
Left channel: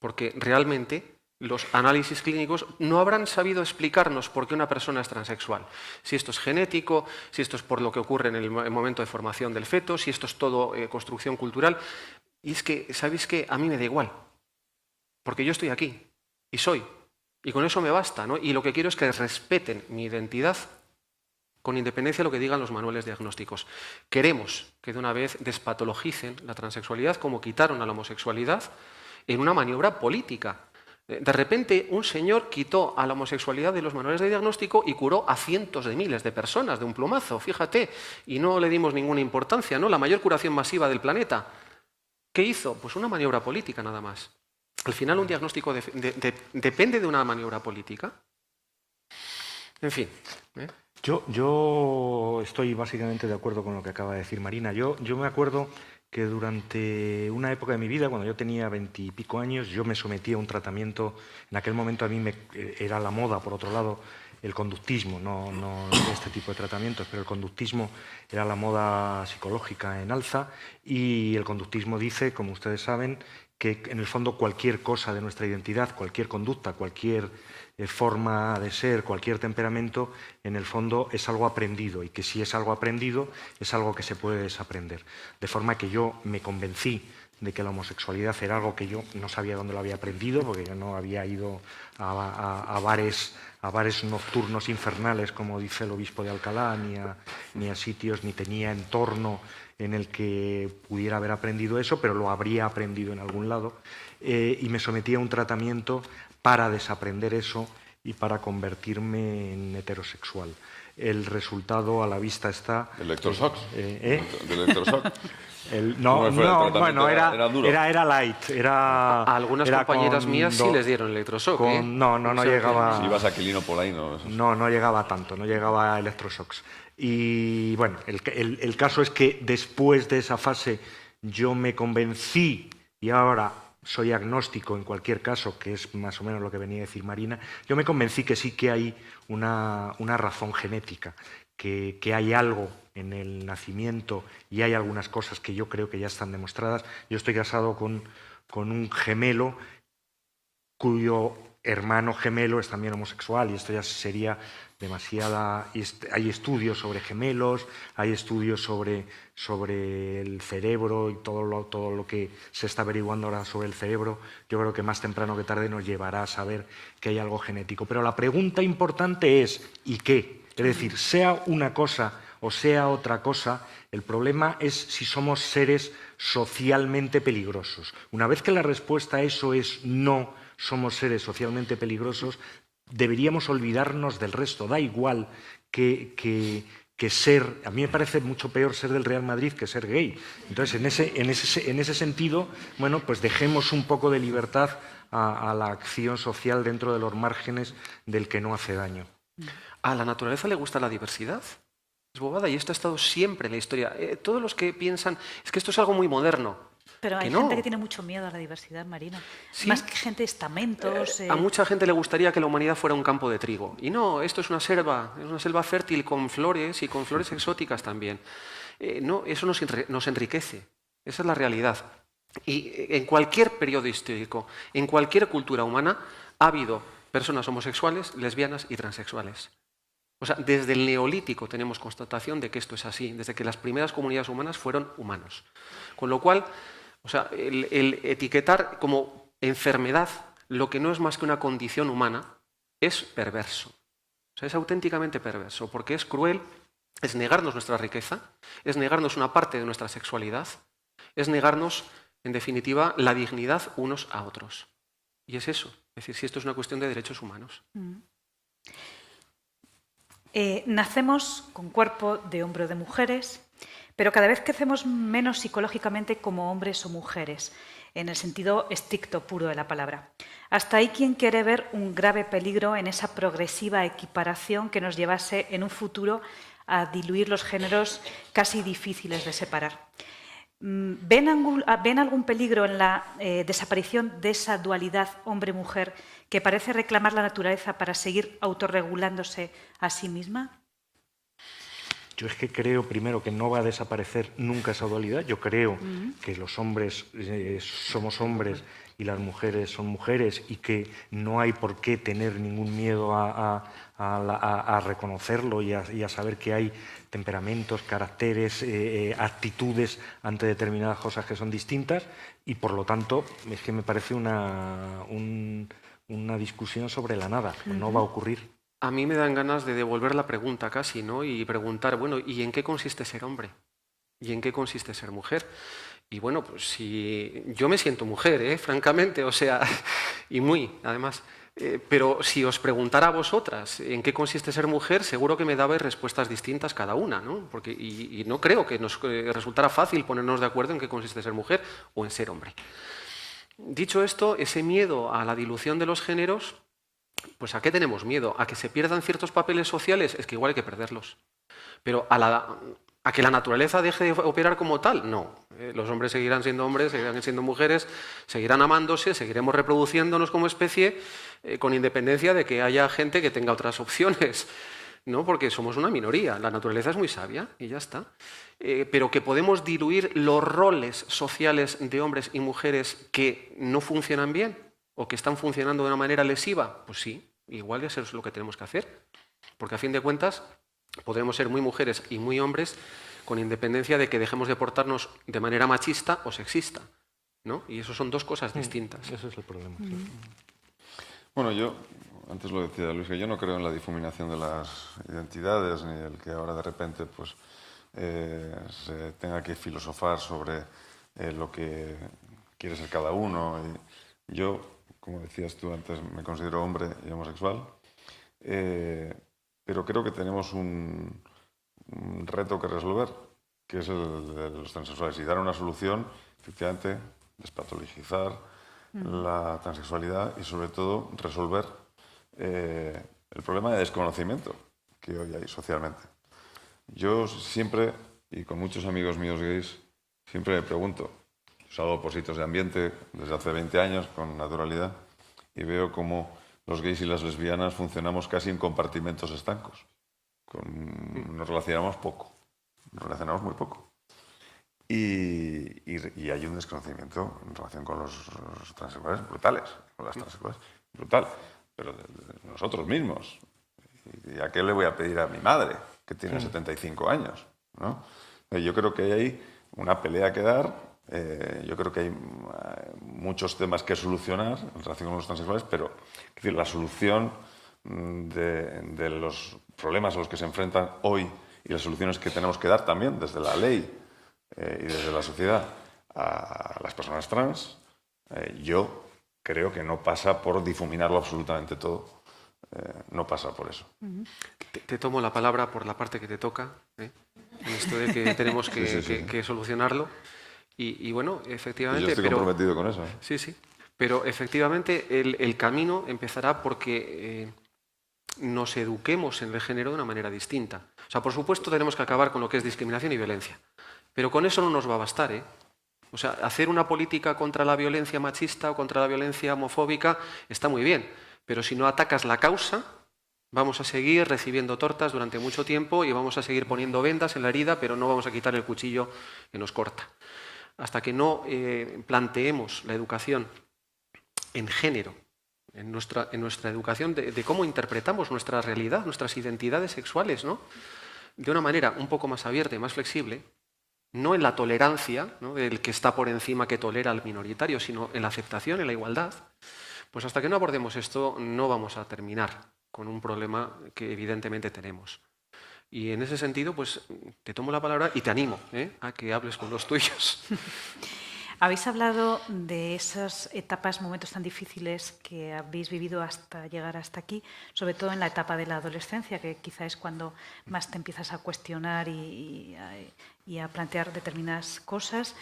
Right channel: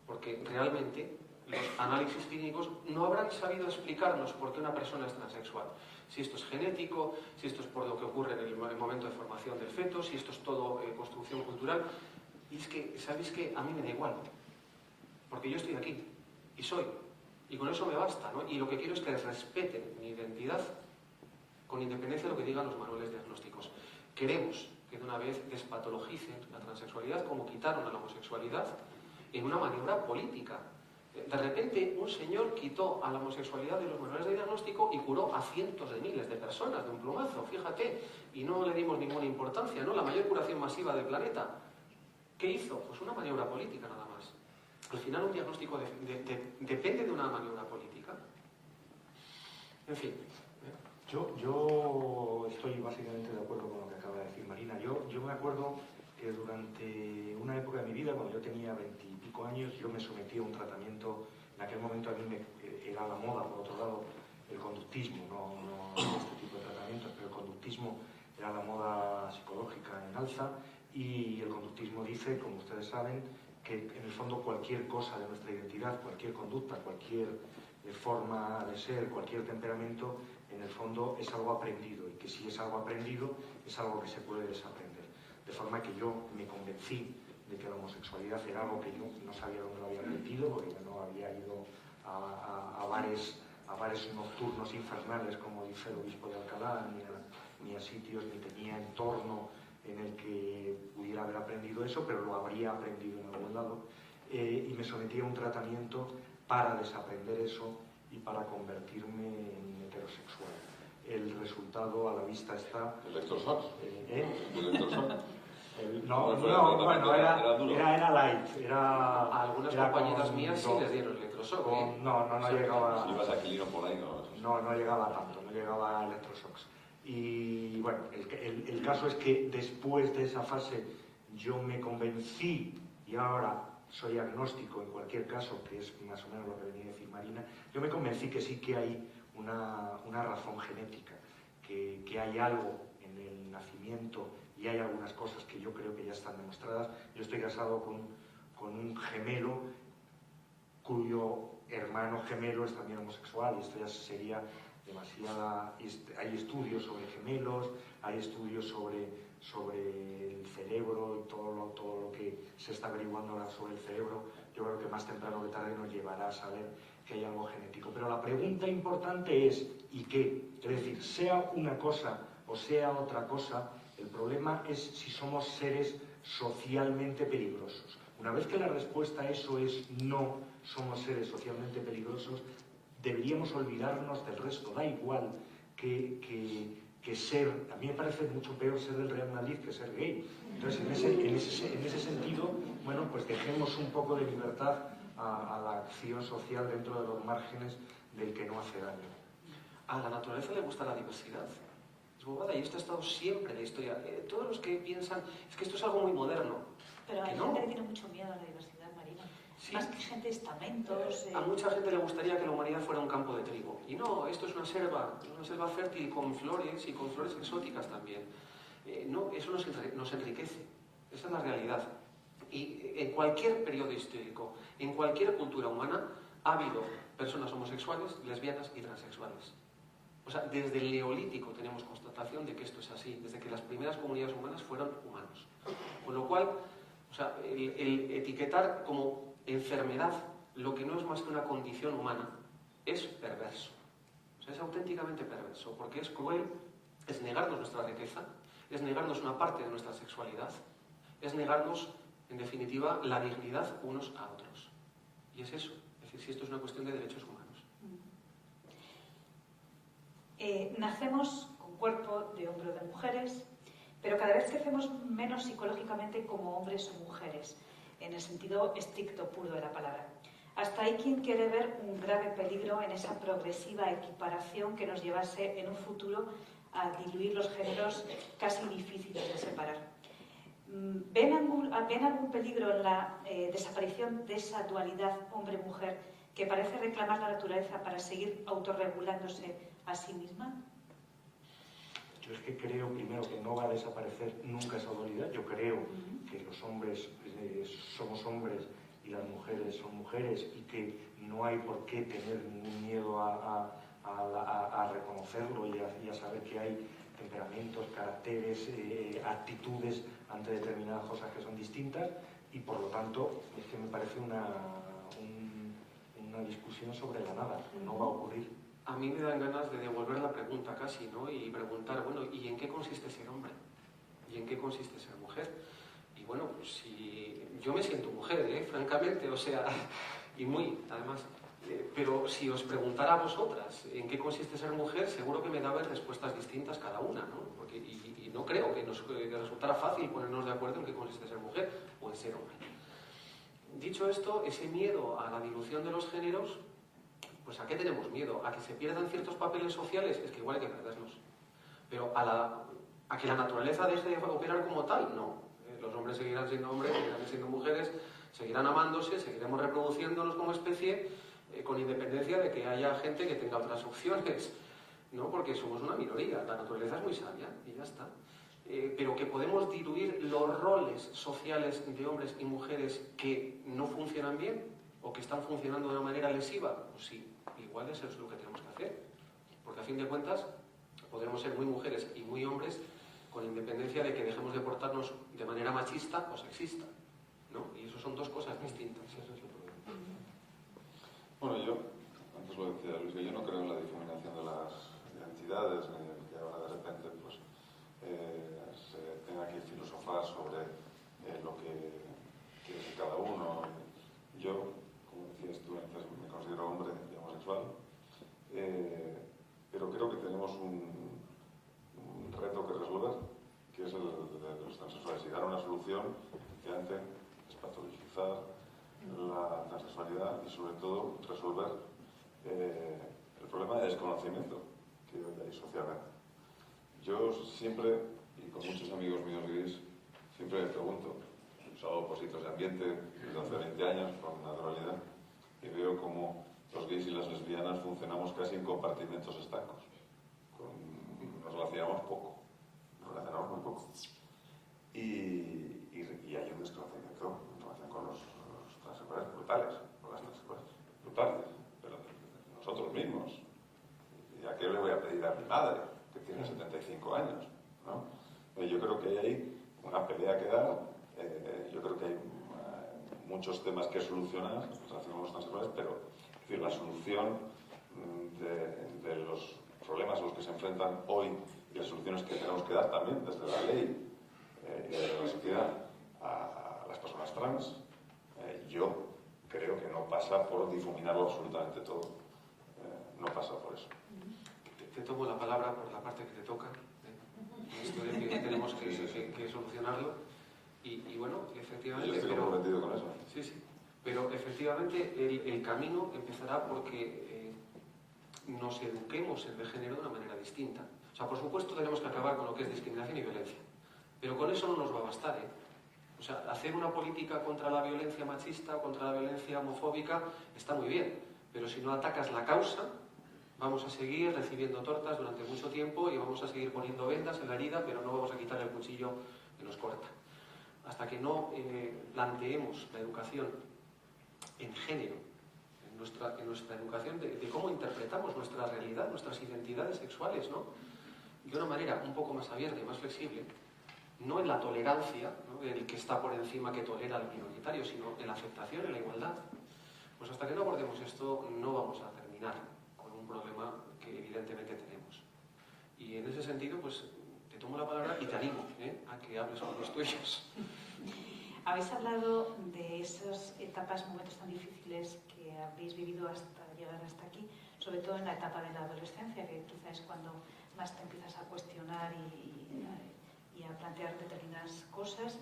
porque realmente los análisis clínicos no habrán sabido explicarnos por qué una persona es transexual. Si esto es genético, si esto es por lo que ocurre en el momento de formación del feto, si esto es todo construcción cultural. Y es que, ¿sabéis qué? A mí me da igual, porque yo estoy aquí y soy, y con eso me basta, ¿no? Y lo que quiero es que respeten mi identidad con independencia de lo que digan los manuales diagnósticos. Queremos que de una vez despatologicen la transexualidad como quitaron a la homosexualidad en una maniobra política. De repente, un señor quitó a la homosexualidad de los manuales de diagnóstico y curó a cientos de miles de personas de un plumazo, fíjate, y no le dimos ninguna importancia, ¿no? La mayor curación masiva del planeta. ¿Qué hizo? Pues una maniobra política nada más. Al final, un diagnóstico depende de una maniobra política. En fin. Yo estoy básicamente de acuerdo con lo que acaba de decir Marina. Yo me acuerdo que durante una época de mi vida, cuando yo tenía 20 y pico años, yo me sometí a un tratamiento. En aquel momento a mí era la moda, por otro lado, el conductismo, no este tipo de tratamientos, pero el conductismo era la moda psicológica en alza, y el conductismo dice, como ustedes saben, que en el fondo cualquier cosa de nuestra identidad, cualquier conducta, cualquier forma de ser, cualquier temperamento, en el fondo es algo aprendido, y que si es algo aprendido es algo que se puede desaprender. De forma que yo me convencí de que la homosexualidad era algo que yo no sabía dónde lo había aprendido, porque yo no había ido a bares nocturnos infernales, como dice el obispo de Alcalá, ni a sitios, ni tenía entorno en el que pudiera haber aprendido eso, pero lo habría aprendido en algún lado, y me sometí a un tratamiento para desaprender eso y para convertirme en heterosexual. El resultado a la vista está. ¿Electroshock? ¿Eh? ¿Del electroshock? Bueno, era light. A algunas compañeras mías sí les dieron electroshock. No llegaba. Si ibas a Aquilino Polaino. No llegaba tanto, no llegaba a electroshocks. Y bueno, el caso es que después de esa fase yo me convencí, y ahora soy agnóstico en cualquier caso, que es más o menos lo que venía a decir Marina, yo me convencí que sí que hay una razón genética, que hay algo en el nacimiento, y hay algunas cosas que yo creo que ya están demostradas. Yo estoy casado con un gemelo cuyo hermano gemelo es también homosexual, y esto ya sería demasiada. Hay estudios sobre gemelos, hay estudios sobre el cerebro y todo lo que se está averiguando ahora sobre el cerebro. Yo creo que más temprano que tarde nos llevará a saber que hay algo genético. Pero la pregunta importante es ¿y qué? Es decir, sea una cosa o sea otra cosa, el problema es si somos seres socialmente peligrosos. Una vez que la respuesta a eso es no somos seres socialmente peligrosos, deberíamos olvidarnos del resto. Da igual que ser. A mí me parece mucho peor ser del Real Madrid que ser gay. Entonces, en ese sentido, bueno, pues dejemos un poco de libertad a la acción social dentro de los márgenes del que no hace daño. A la naturaleza le gusta la diversidad. Es bobada, y esto ha estado siempre en la historia. Todos los que piensan, es que esto es algo muy moderno. Pero hay gente que tiene mucho miedo a la diversidad, Marina. ¿Sí? Más que gente de estamentos. A mucha gente le gustaría que la humanidad fuera un campo de trigo. Y no, esto es una selva fértil con flores, y con flores exóticas también. No, eso nos enriquece. Esa es la realidad. Y en cualquier periodo histórico, en cualquier cultura humana, ha habido personas homosexuales, lesbianas y transexuales. O sea, desde el Neolítico tenemos constatación de que esto es así, desde que las primeras comunidades humanas fueron humanos. Con lo cual, o sea, el etiquetar como enfermedad lo que no es más que una condición humana es perverso. O sea, es auténticamente perverso, porque es cruel, es negarnos nuestra riqueza, es negarnos una parte de nuestra sexualidad, es negarnos, en definitiva, la dignidad unos a otros. Y es eso, es decir, si esto es una cuestión de derechos humanos. Nacemos con cuerpo de hombre o de mujeres, pero cada vez crecemos menos psicológicamente como hombres o mujeres, en el sentido estricto, puro de la palabra. Hasta hay quien quiere ver un grave peligro en esa progresiva equiparación que nos llevase en un futuro a diluir los géneros casi difíciles de separar. ¿Ven algún peligro en la desaparición de esa dualidad hombre-mujer que parece reclamar la naturaleza para seguir autorregulándose a sí misma? Yo es que creo, primero, que no va a desaparecer nunca esa dualidad. Yo creo que los hombres somos hombres y las mujeres son mujeres y que no hay por qué tener ningún miedo a reconocerlo y a saber que hay temperamentos, caracteres, actitudes ante determinadas cosas que son distintas y, por lo tanto, es que me parece una discusión sobre la nada. No va a ocurrir. A mí me dan ganas de devolver la pregunta casi, ¿no? Y preguntar, bueno, ¿y en qué consiste ser hombre? ¿Y en qué consiste ser mujer? Y bueno, pues si yo me siento mujer, francamente, o sea, y muy, además. Pero si os preguntara a vosotras en qué consiste ser mujer, seguro que me dabais respuestas distintas cada una, ¿no? Porque, y no creo que nos resultara fácil ponernos de acuerdo en qué consiste ser mujer o en ser hombre. Dicho esto, ese miedo a la dilución de los géneros, pues ¿a qué tenemos miedo? ¿A que se pierdan ciertos papeles sociales? Es que igual hay que perderlos. Pero ¿a que la naturaleza deje de operar como tal? No. Los hombres seguirán siendo hombres, seguirán siendo mujeres, seguirán amándose, seguiremos reproduciéndonos como especie, con independencia de que haya gente que tenga otras opciones, ¿no? Porque somos una minoría, la naturaleza es muy sabia y ya está. Pero que podemos diluir los roles sociales de hombres y mujeres que no funcionan bien o que están funcionando de una manera lesiva, pues sí, igual eso es lo que tenemos que hacer, porque a fin de cuentas podremos ser muy mujeres y muy hombres con independencia de que dejemos de portarnos de manera machista o sexista, ¿no? Y eso son dos cosas distintas. Ese es el problema. Bueno, yo, antes lo decía Luis, que yo no creo en la difuminación de las identidades, ni el que ahora de repente pues, se tenga que filosofar sobre lo que quiere ser cada uno. Yo, como decías tú antes, me considero hombre y homosexual, pero creo que tenemos un reto que resolver, que es el de los transexuales, y dar una solución, efectivamente, despatologizar la transexualidad y, sobre todo, resolver el problema de desconocimiento que hoy hay socialmente. Yo siempre, y con muchos amigos míos gays, siempre me pregunto, salgo por sitios de ambiente desde hace 20 años con naturalidad y veo cómo los gays y las lesbianas funcionamos casi en compartimentos estancos. Nos relacionamos poco, nos relacionamos muy poco. Y hay un desconocimiento en relación con los transexuales brutales, con las transexuales brutal, pero de nosotros mismos. ¿Y a qué le voy a pedir a mi madre, que tiene 75 años? ¿No? Yo creo que hay una pelea que dar, yo creo que hay muchos temas que solucionar en relación con los transexuales, pero es decir, la solución de los problemas a los que se enfrentan hoy y las soluciones que tenemos que dar también desde la ley y desde la sociedad a las personas trans, yo creo que no pasa por difuminarlo absolutamente todo, no pasa por eso. Te tomo la palabra por la parte que te toca, en esto de que tenemos que solucionarlo y bueno, efectivamente... Yo estoy comprometido con eso. Sí, sí, pero efectivamente el camino empezará porque nos eduquemos en el género de una manera distinta. O sea, por supuesto tenemos que acabar con lo que es discriminación y violencia, pero con eso no nos va a bastar, O sea, hacer una política contra la violencia machista o contra la violencia homofóbica está muy bien, pero si no atacas la causa, vamos a seguir recibiendo tortas durante mucho tiempo y vamos a seguir poniendo vendas en la herida, pero no vamos a quitar el cuchillo que nos corta. Hasta que no planteemos la educación en género, en nuestra educación de cómo interpretamos nuestra realidad, nuestras identidades sexuales, ¿no? De una manera un poco más abierta y más flexible, no en la tolerancia, ¿no?, del que está por encima que tolera al minoritario, sino en la aceptación, en la igualdad. Pues hasta que no abordemos esto no vamos a terminar con un problema que evidentemente tenemos. Y en ese sentido, pues te tomo la palabra y te animo a que hables con los tuyos. Habéis hablado de esas etapas, momentos tan difíciles que habéis vivido hasta llegar hasta aquí, sobre todo en la etapa de la adolescencia, que quizá es cuando más te empiezas a cuestionar y a plantear determinadas cosas.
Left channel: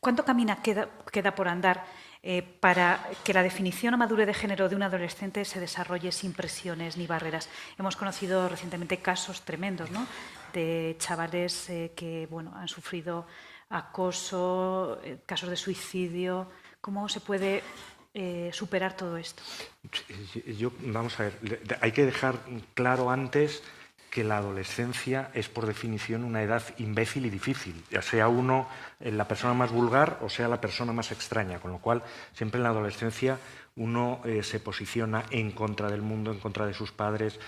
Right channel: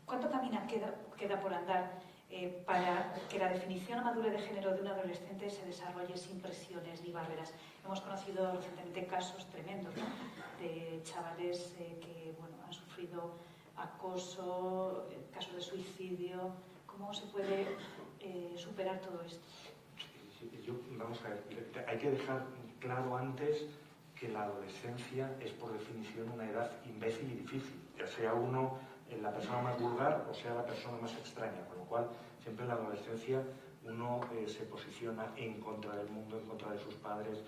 ¿Cuánto camino queda por andar para que la definición o madurez de género de un adolescente se desarrolle sin presiones ni barreras? Hemos conocido recientemente casos tremendos, ¿no?, de chavales que han sufrido acoso, casos de suicidio. ¿Cómo se puede superar todo esto? Vamos a ver, hay que dejar claro antes que la adolescencia es por definición una edad imbécil y difícil, ya sea uno la persona más vulgar o sea la persona más extraña, con lo cual siempre en la adolescencia uno se posiciona en contra del mundo, en contra de sus padres,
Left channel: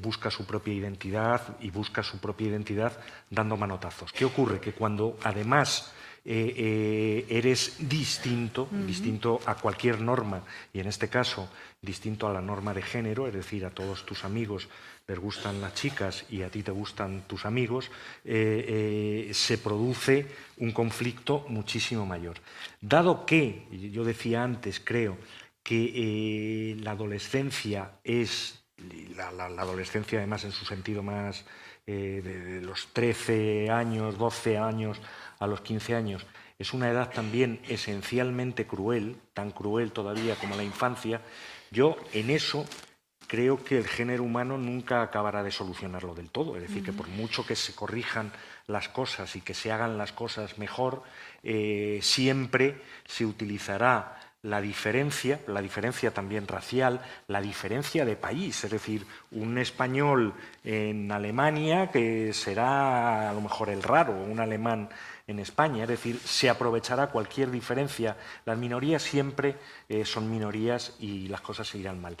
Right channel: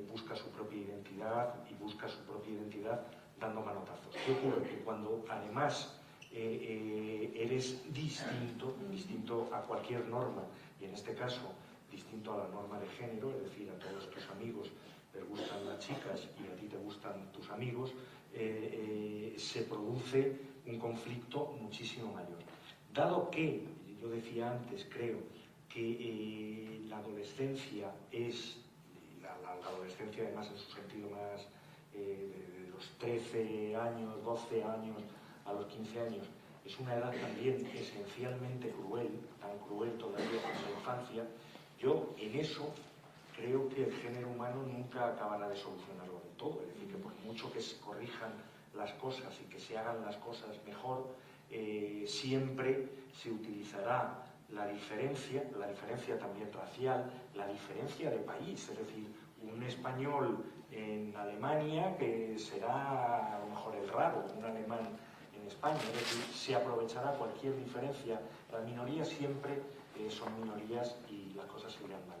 busca su propia identidad y busca su propia identidad dando manotazos. ¿Qué ocurre? Que cuando además eres distinto, distinto a cualquier norma, y en este caso distinto a la norma de género, es decir, a todos tus amigos les gustan las chicas y a ti te gustan tus amigos, se produce un conflicto muchísimo mayor. Dado que, yo decía antes, creo que la adolescencia es, la adolescencia además en su sentido más de los 13 años, 12 años a los 15 años, es una edad también esencialmente cruel, tan cruel todavía como la infancia, yo en eso creo que el género humano nunca acabará de solucionarlo del todo. Es decir, que por mucho que se corrijan las cosas y que se hagan las cosas mejor, siempre se utilizará la diferencia también racial, la diferencia de país. Es decir, un español en Alemania que será a lo mejor el raro, un alemán en España, es decir, se aprovechará cualquier diferencia. Las minorías siempre son minorías y las cosas se irán mal.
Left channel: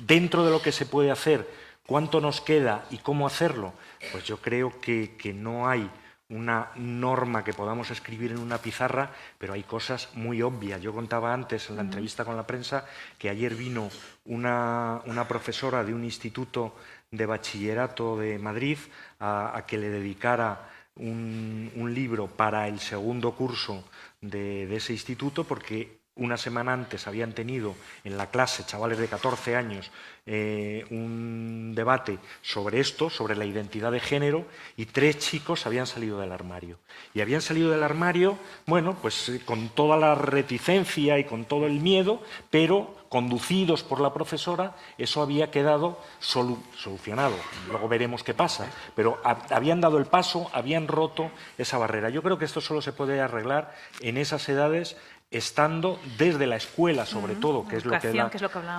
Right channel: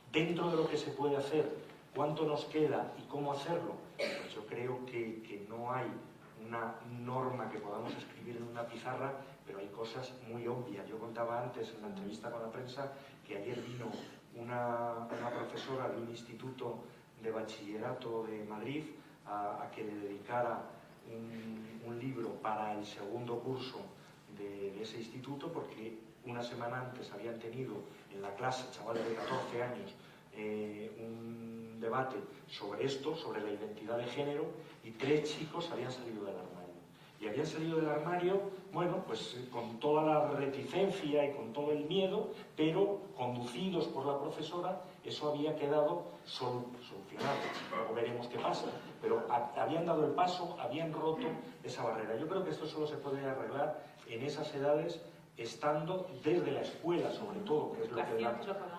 Dentro de lo que se puede hacer, ¿cuánto nos queda y cómo hacerlo? Pues yo creo que no hay una norma que podamos escribir en una pizarra, pero hay cosas muy obvias. Yo contaba antes en la entrevista con la prensa que ayer vino una profesora de un instituto de bachillerato de Madrid a que le dedicara un libro para el segundo curso de ese instituto, porque una semana antes habían tenido en la clase, chavales de 14 años, un debate sobre esto, sobre la identidad de género, y 3 chicos habían salido del armario. Y habían salido del armario, bueno, pues con toda la reticencia y con todo el miedo, pero conducidos por la profesora, eso había quedado solucionado. Luego veremos qué pasa, pero habían dado el paso, habían roto esa barrera. Yo creo que esto solo se puede arreglar en esas edades, estando desde la escuela, sobre todo, que es lo que da,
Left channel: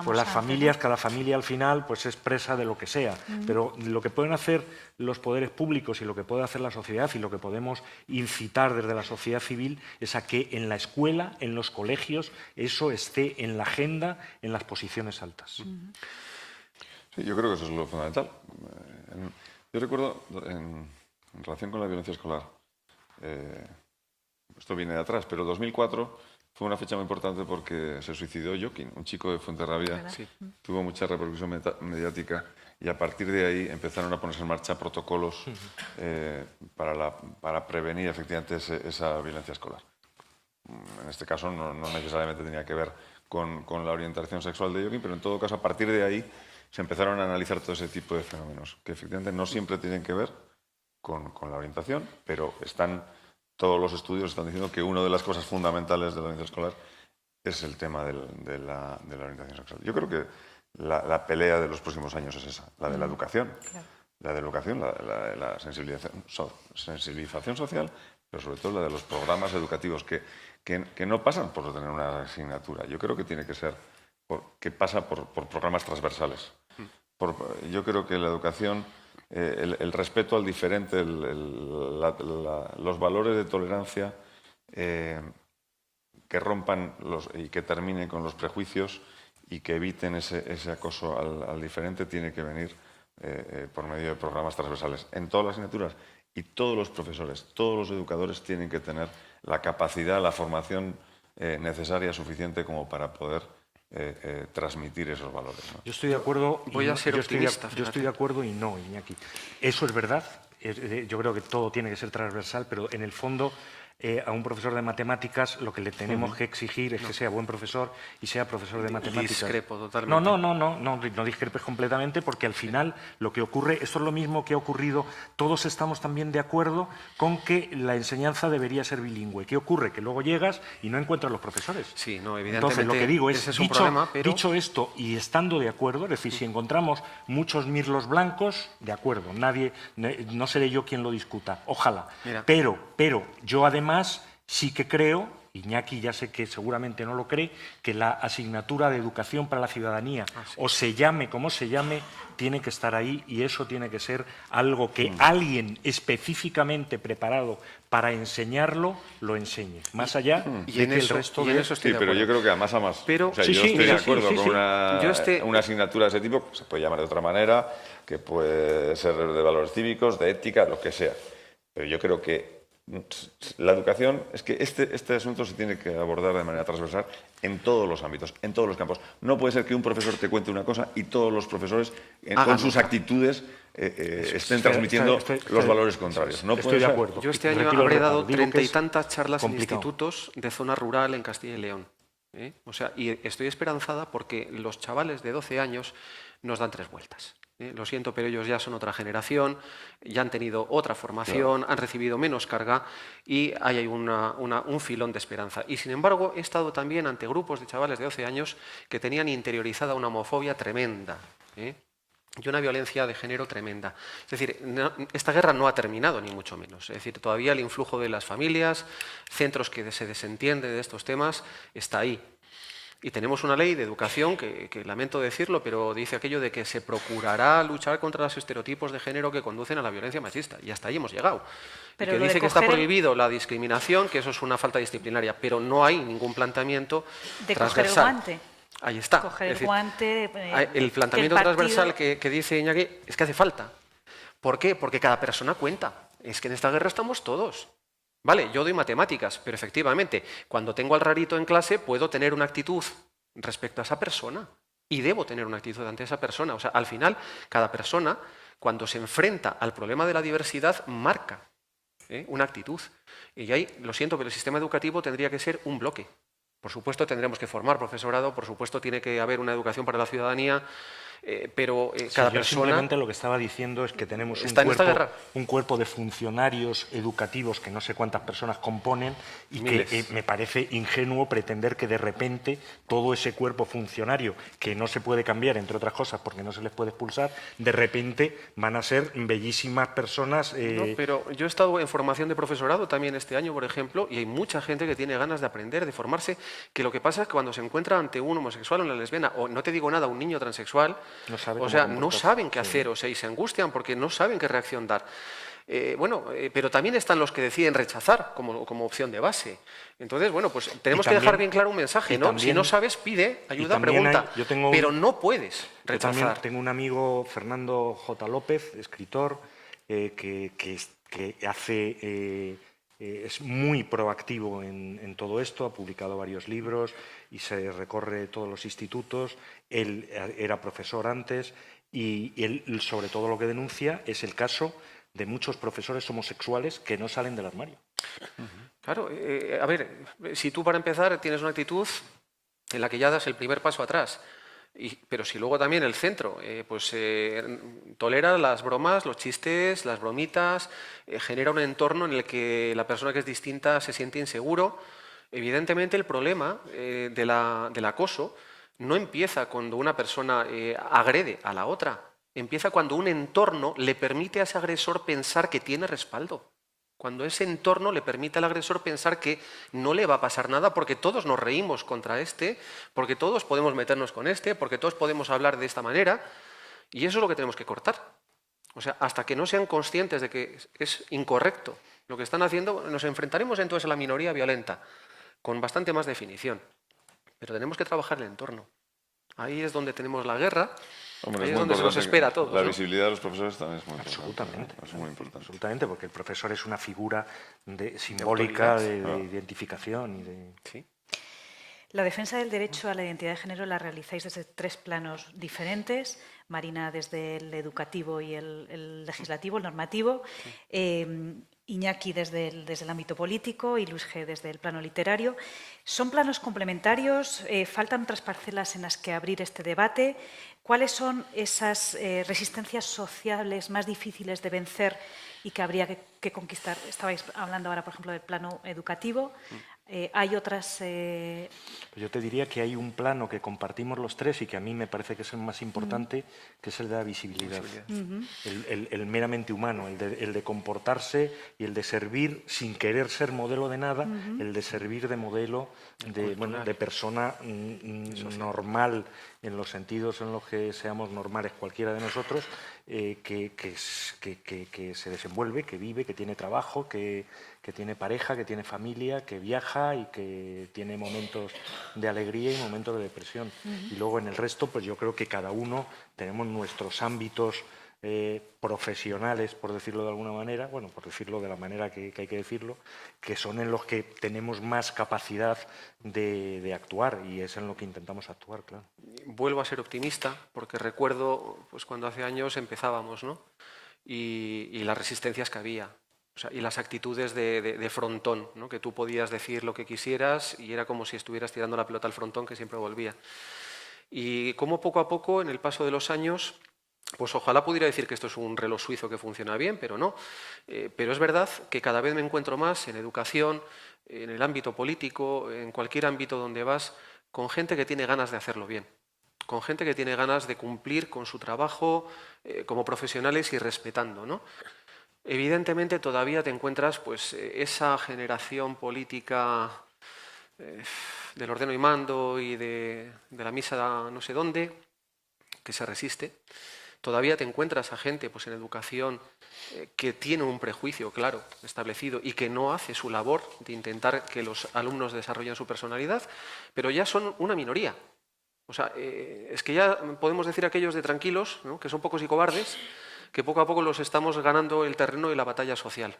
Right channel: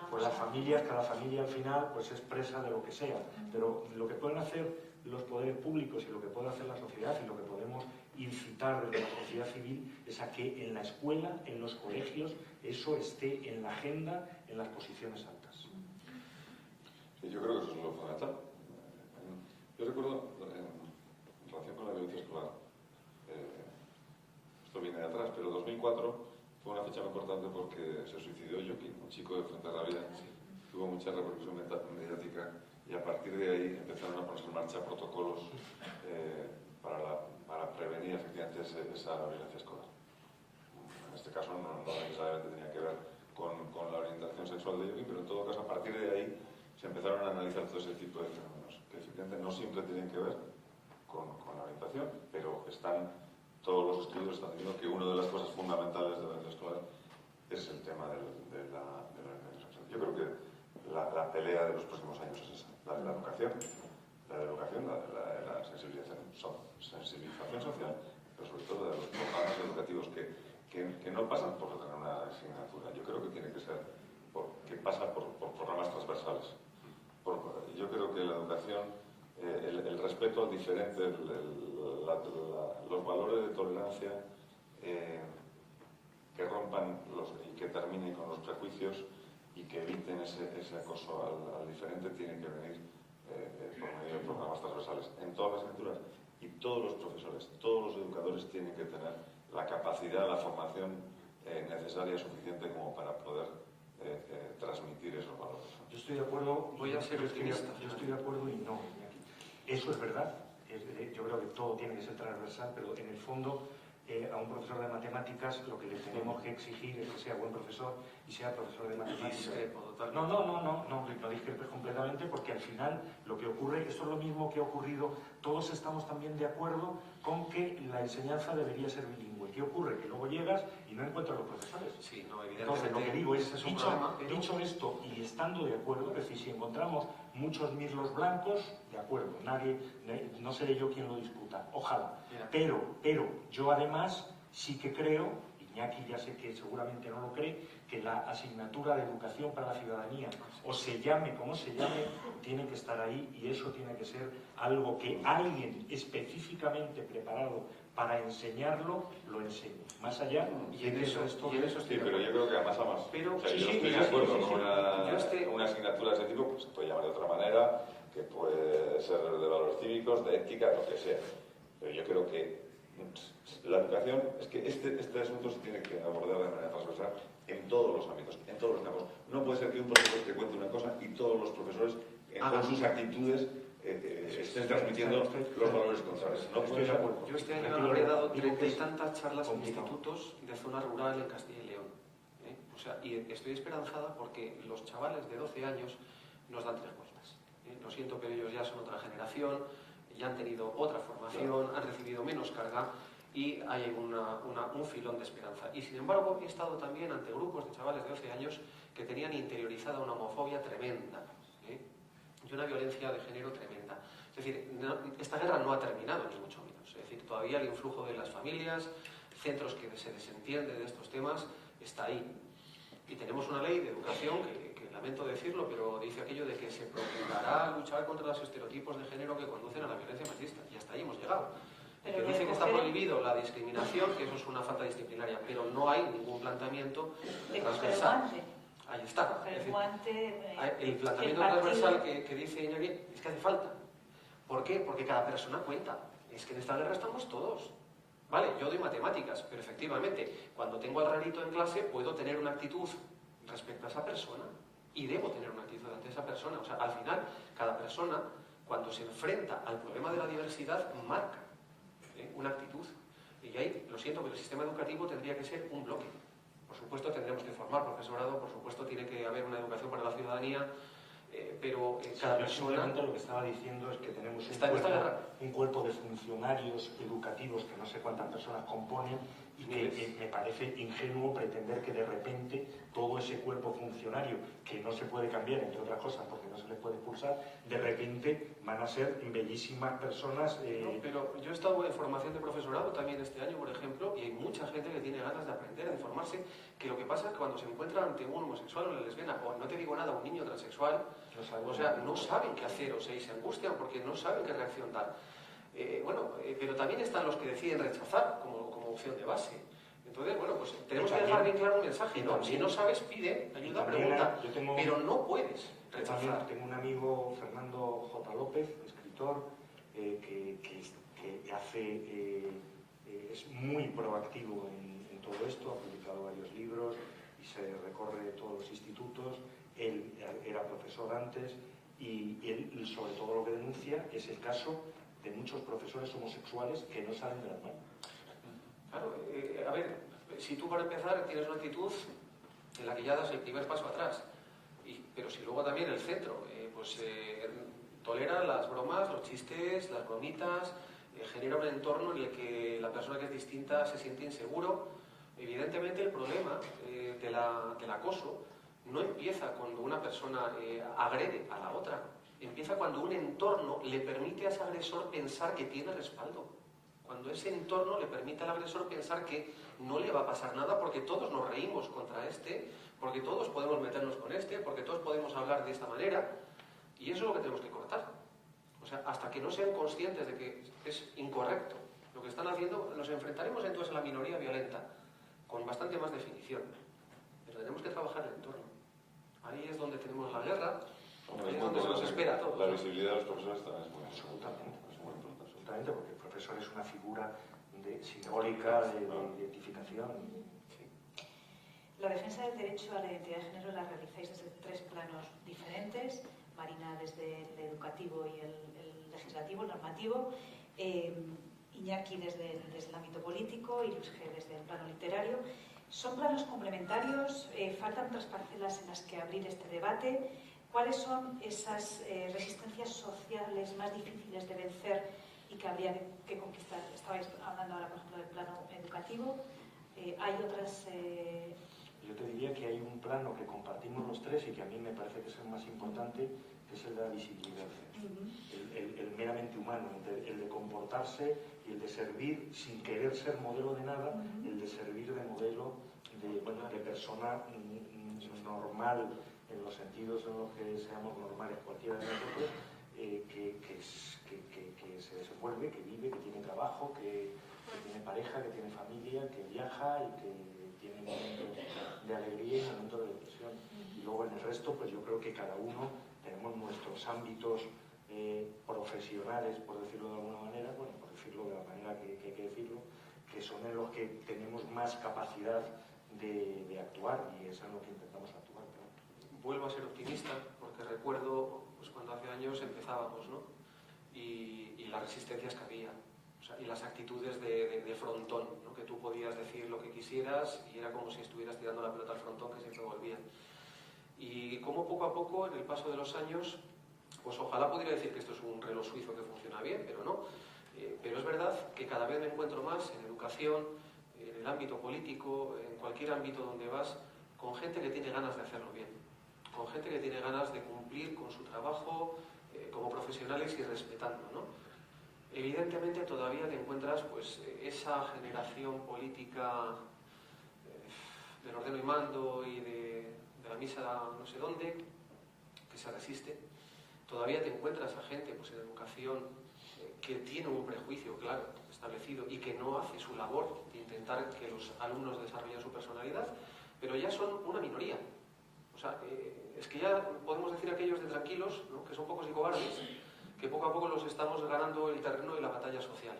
pues las familias, cada familia al final pues es presa de lo que sea, pero lo que pueden hacer los poderes públicos y lo que puede hacer la sociedad y lo que podemos incitar desde la sociedad civil es a que en la escuela, en los colegios, eso esté en la agenda, en las posiciones altas. Sí, yo creo que eso es lo fundamental. Yo recuerdo, en relación con la violencia escolar, esto viene de atrás, pero 2004 fue una fecha muy importante porque se suicidó Joaquín, un chico de Fuenterrabía, sí. Tuvo mucha repercusión mediática y a partir de ahí empezaron a ponerse en marcha protocolos para prevenir efectivamente esa violencia escolar. En este caso no necesariamente tenía que ver con la orientación sexual de Joaquín, pero en todo caso a partir de ahí se empezaron a analizar todo ese tipo de fenómenos, que efectivamente no siempre tienen que ver con la orientación, pero todos los estudios están diciendo que una de las cosas fundamentales de la violencia escolar es el tema de la orientación sexual. Yo creo que la pelea de los próximos años es esa, la de la educación. La de la educación, la sensibilización social, pero sobre todo la de los programas educativos que no pasan por tener una asignatura. Yo creo que tiene que ser, que pasa por programas transversales. Yo creo que la educación, el respeto al diferente, los valores de tolerancia que rompan y que terminen con los prejuicios y que eviten ese acoso al diferente, tiene que venir por medio de programas transversales en todas las asignaturas, y todos los profesores, todos los educadores tienen que tener la capacidad, la formación necesaria, suficiente como para poder transmitir esos valores, ¿no? Yo estoy de acuerdo. Voy a ser optimista. Yo estoy de acuerdo y no, Iñaki. Eso es verdad. Yo creo que todo tiene que ser transversal, pero en el fondo a un profesor de matemáticas lo que le tenemos que exigir es que sea buen profesor y sea profesor de matemáticas. Discrepo totalmente. No discrepes completamente, porque al final lo que ocurre, esto es lo mismo que ha ocurrido, todos estamos también de acuerdo con que la enseñanza debería ser bilingüe. ¿Qué ocurre? Que luego llegas y no encuentras los profesores. Sí, no, evidentemente. Entonces lo que digo es, un problema, pero... dicho esto y estando de acuerdo, es decir, si encontramos muchos mirlos blancos, de acuerdo, no seré yo quien lo discuta, ojalá. Mira. Pero yo además sí que creo, y Iñaki ya sé que seguramente no lo cree, que la asignatura de educación para la ciudadanía, o se llame como se llame, tiene que estar ahí, y eso tiene que ser algo que alguien específicamente preparado para enseñarlo lo enseñe, más allá de que el resto de... estoy de pero acuerdo. yo creo que a más. Pero, O sea, sí, yo sí, estoy de mira, acuerdo sí, con sí. una asignatura de ese tipo, se puede llamar de otra manera, que puede ser de valores cívicos, de ética, lo que sea. Pero yo creo que la educación, es que este asunto se tiene que abordar de manera transversal en todos los ámbitos, en todos los campos. No puede ser que un profesor te cuente una cosa y todos los profesores, con sus actitudes, estén transmitiendo los valores contrarios. No estoy de acuerdo. Yo este año habré dado 30 y tantas charlas en institutos de zona rural en Castilla y León. O sea, y estoy esperanzada porque los chavales de 12 años nos dan 3 vueltas. Lo siento, pero ellos ya son otra generación, ya han tenido otra formación, han recibido menos carga y hay un filón de esperanza. Y sin embargo, he estado también ante grupos de chavales de 12 años que tenían interiorizada una homofobia tremenda, y una violencia de género tremenda. Es decir, esta guerra no ha terminado, ni mucho menos. Es decir, todavía el influjo de las familias, centros que se desentienden de estos temas, está ahí. Y tenemos una ley de educación que lamento decirlo, pero dice aquello de que se procurará luchar contra los estereotipos de género que conducen a la violencia machista. Y hasta ahí hemos llegado. Pero y que dice que está prohibido la discriminación, que eso es una falta disciplinaria, pero no hay ningún planteamiento de transversal. Coger el guante. Ahí está. Coger es decir, el guante. el planteamiento transversal que dice Iñaki es que hace falta. ¿Por qué? Porque cada persona cuenta. Es que en esta guerra estamos todos. Vale, yo doy matemáticas, pero efectivamente, cuando tengo al rarito en clase, puedo tener una actitud respecto a esa persona y debo tener una actitud ante esa persona. O sea, al final, cada persona, cuando se enfrenta al problema de la diversidad, marca una actitud. Y ahí, lo siento, pero el sistema educativo tendría que ser un bloque. Por supuesto, tendremos que formar profesorado, por supuesto, tiene que haber una educación para la ciudadanía, pero cada persona... Simplemente lo que estaba diciendo es que tenemos un cuerpo de funcionarios educativos que no sé cuántas personas componen y que me parece ingenuo pretender que de repente todo ese cuerpo funcionario, que no se puede cambiar, entre otras cosas, porque no se les puede expulsar, de repente van a ser bellísimas personas... No, pero yo he estado en formación de profesorado también este año, por ejemplo, y hay mucha gente que tiene ganas de aprender, de formarse, que lo que pasa es que cuando se encuentra ante un homosexual o una lesbiana, o no te digo nada, un niño transexual, no saben qué hacer, y se angustian porque no saben qué reacción dar. Pero también están los que deciden rechazar como opción de base. Entonces, pues tenemos que dejar bien claro un mensaje, ¿no? Si no sabes, pide ayuda, pregunta, pero no puedes rechazar. Yo también tengo un amigo, Fernando J. López, escritor, que es muy proactivo en todo esto, ha publicado varios libros y se recorre todos los institutos. Él era profesor antes y él, sobre todo, lo que denuncia es el caso de muchos profesores homosexuales que no salen del armario. Claro, a ver, si tú para empezar tienes una actitud en la que ya das el primer paso atrás, pero si luego también el centro tolera las bromas, los chistes, las bromitas, genera un entorno en el que la persona que es distinta se siente inseguro, evidentemente el problema del acoso no empieza cuando una persona agrede a la otra, empieza cuando un entorno le permite a ese agresor pensar que tiene respaldo. Cuando ese entorno le permite al agresor pensar que no le va a pasar nada porque todos nos reímos contra porque todos podemos meternos con porque todos podemos hablar de esta manera, y eso es lo que tenemos que cortar. O sea, hasta que no sean conscientes de que es incorrecto lo que están haciendo, nos enfrentaremos entonces a la minoría violenta, con bastante más definición. Pero tenemos que trabajar el entorno. Ahí es donde tenemos la guerra. Hombre, ahí es donde se nos espera a todos. La visibilidad de los profesores también es muy Absolutamente. importante. Es muy importante. Absolutamente, porque el profesor es una figura simbólica de identificación. Sí. La defensa del derecho a la identidad de género la realizáis desde 3 planos diferentes. Marina desde el educativo y el legislativo, el normativo. Iñaki desde el ámbito político y Luis G. desde el plano literario. ¿Son planos complementarios? ¿Faltan otras parcelas en las que abrir este debate? ¿Cuáles son esas resistencias sociales más difíciles de vencer y que habría que conquistar. Estabais hablando ahora, por ejemplo, del plano educativo. Hay otras... Yo te diría que hay un plano que compartimos los tres y que a mí me parece que es el más importante, que es el de la visibilidad. El meramente humano, el de comportarse y el de servir sin querer ser modelo de nada, el de servir de modelo de persona normal en los sentidos en los que seamos normales cualquiera de nosotros, que se desenvuelve, que vive, que tiene trabajo, que tiene pareja, que tiene familia, que viaja y que tiene momentos de alegría y momentos de depresión. Y luego en el resto, pues yo creo que cada uno tenemos nuestros ámbitos profesionales, por decirlo de alguna manera, bueno, por decirlo de la manera que hay que decirlo, que son en los que tenemos más capacidad de actuar, y es en lo que intentamos actuar, claro. Vuelvo a ser optimista, porque recuerdo pues, cuando hace años empezábamos, ¿no? Y las resistencias que había. O sea, y las actitudes de frontón, ¿no? Que tú podías decir lo que quisieras y era como si estuvieras tirando la pelota al frontón, que siempre volvía. Y como poco a poco, en el paso de los años, pues ojalá pudiera decir que esto es un reloj suizo que funciona bien, pero no. Pero es verdad que cada vez me encuentro más en educación, en el ámbito político, en cualquier ámbito donde vas, con gente que tiene ganas de hacerlo bien, con gente que tiene ganas de cumplir con su trabajo como profesionales y respetando, ¿no? Evidentemente todavía te encuentras pues, esa generación política del ordeno y mando y de la misa no sé dónde, que se resiste. Todavía te encuentras a gente pues, en educación que tiene un prejuicio claro establecido y que no hace su labor de intentar que los alumnos desarrollen su personalidad, pero ya son una minoría. O sea, es que ya podemos decir aquellos de tranquilos, ¿no? Que son pocos y cobardes, que poco a poco los estamos ganando el terreno y la batalla social.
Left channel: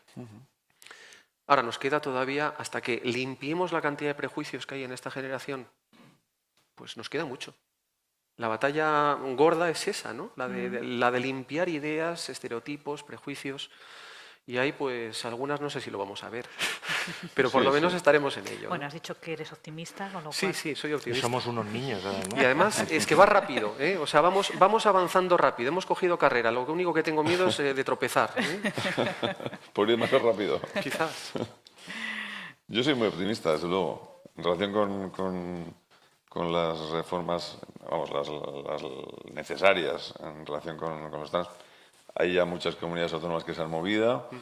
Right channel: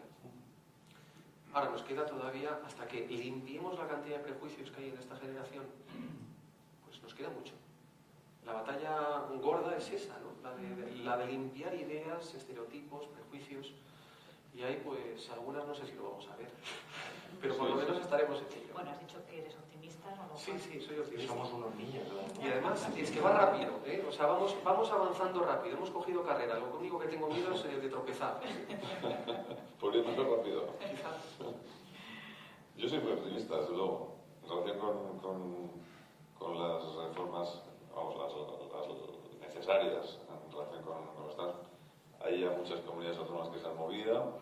Ahora, nos queda todavía, hasta que limpiemos la cantidad de prejuicios que hay en esta generación, pues nos queda mucho. La batalla gorda es esa, ¿no? La de limpiar ideas, estereotipos, prejuicios. Y ahí, pues, algunas no sé si lo vamos a ver, pero por lo menos estaremos en ello. Bueno, has dicho que eres optimista, con lo cual... Sí, soy optimista. Y somos unos niños, además. Y además es que va rápido, ¿eh? O sea, vamos avanzando rápido. Hemos cogido carrera. Lo único que tengo miedo es de tropezar, ¿eh? Por ir más rápido. Quizás. Yo soy muy optimista, desde luego. En relación con las reformas, vamos, las necesarias en relación con los trans, hay ya muchas comunidades autónomas que se han movido.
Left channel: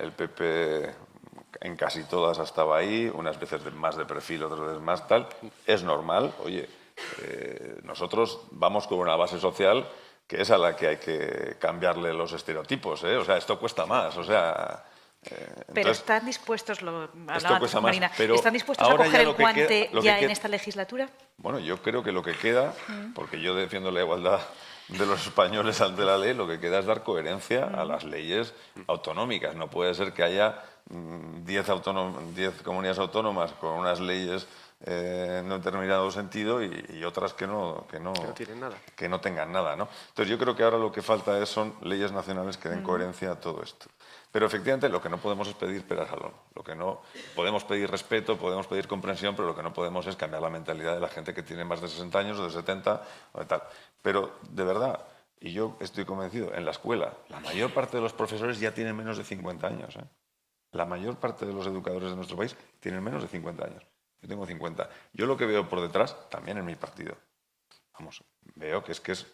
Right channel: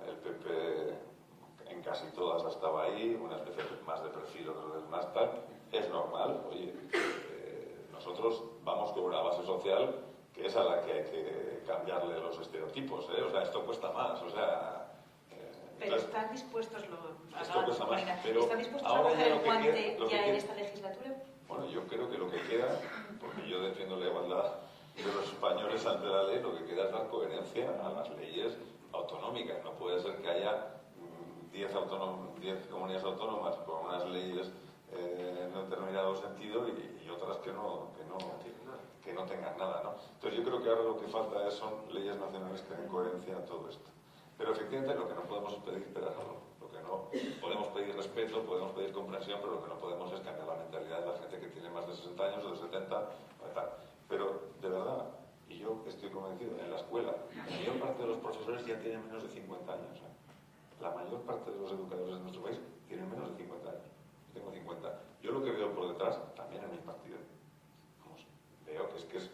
El PP en casi todas estaba ahí, unas veces más de perfil, otras veces más tal. Es normal, oye, nosotros vamos con una base social que es a la que hay que cambiarle los estereotipos, ¿eh? O sea, esto cuesta más, o sea... Pero están dispuestos, esto cuesta más, Marina, pero ¿están dispuestos a coger el guante ya en queda, esta legislatura? Bueno, yo creo que lo que queda, porque yo defiendo la igualdad de los españoles ante la ley, lo que queda es dar coherencia a las leyes autonómicas. No puede ser que haya 10 comunidades autónomas con unas leyes en un determinado sentido y otras que no tienen nada. Que no tengan nada, ¿no? Entonces yo creo que ahora lo que falta son leyes nacionales que den coherencia a todo esto. Pero efectivamente lo que no podemos es pedir peras al olmo. Lo que no podemos pedir respeto, podemos pedir comprensión, pero lo que no podemos es cambiar la mentalidad de la gente que tiene más de 60 años o de 70 o de tal. Pero de verdad, y yo estoy convencido, en la escuela la mayor parte de los profesores ya tienen menos de 50 años, ¿eh? La mayor parte de los educadores de nuestro país tienen menos de 50 años. Yo tengo 50. Yo lo que veo por detrás, también en mi partido, vamos, veo que es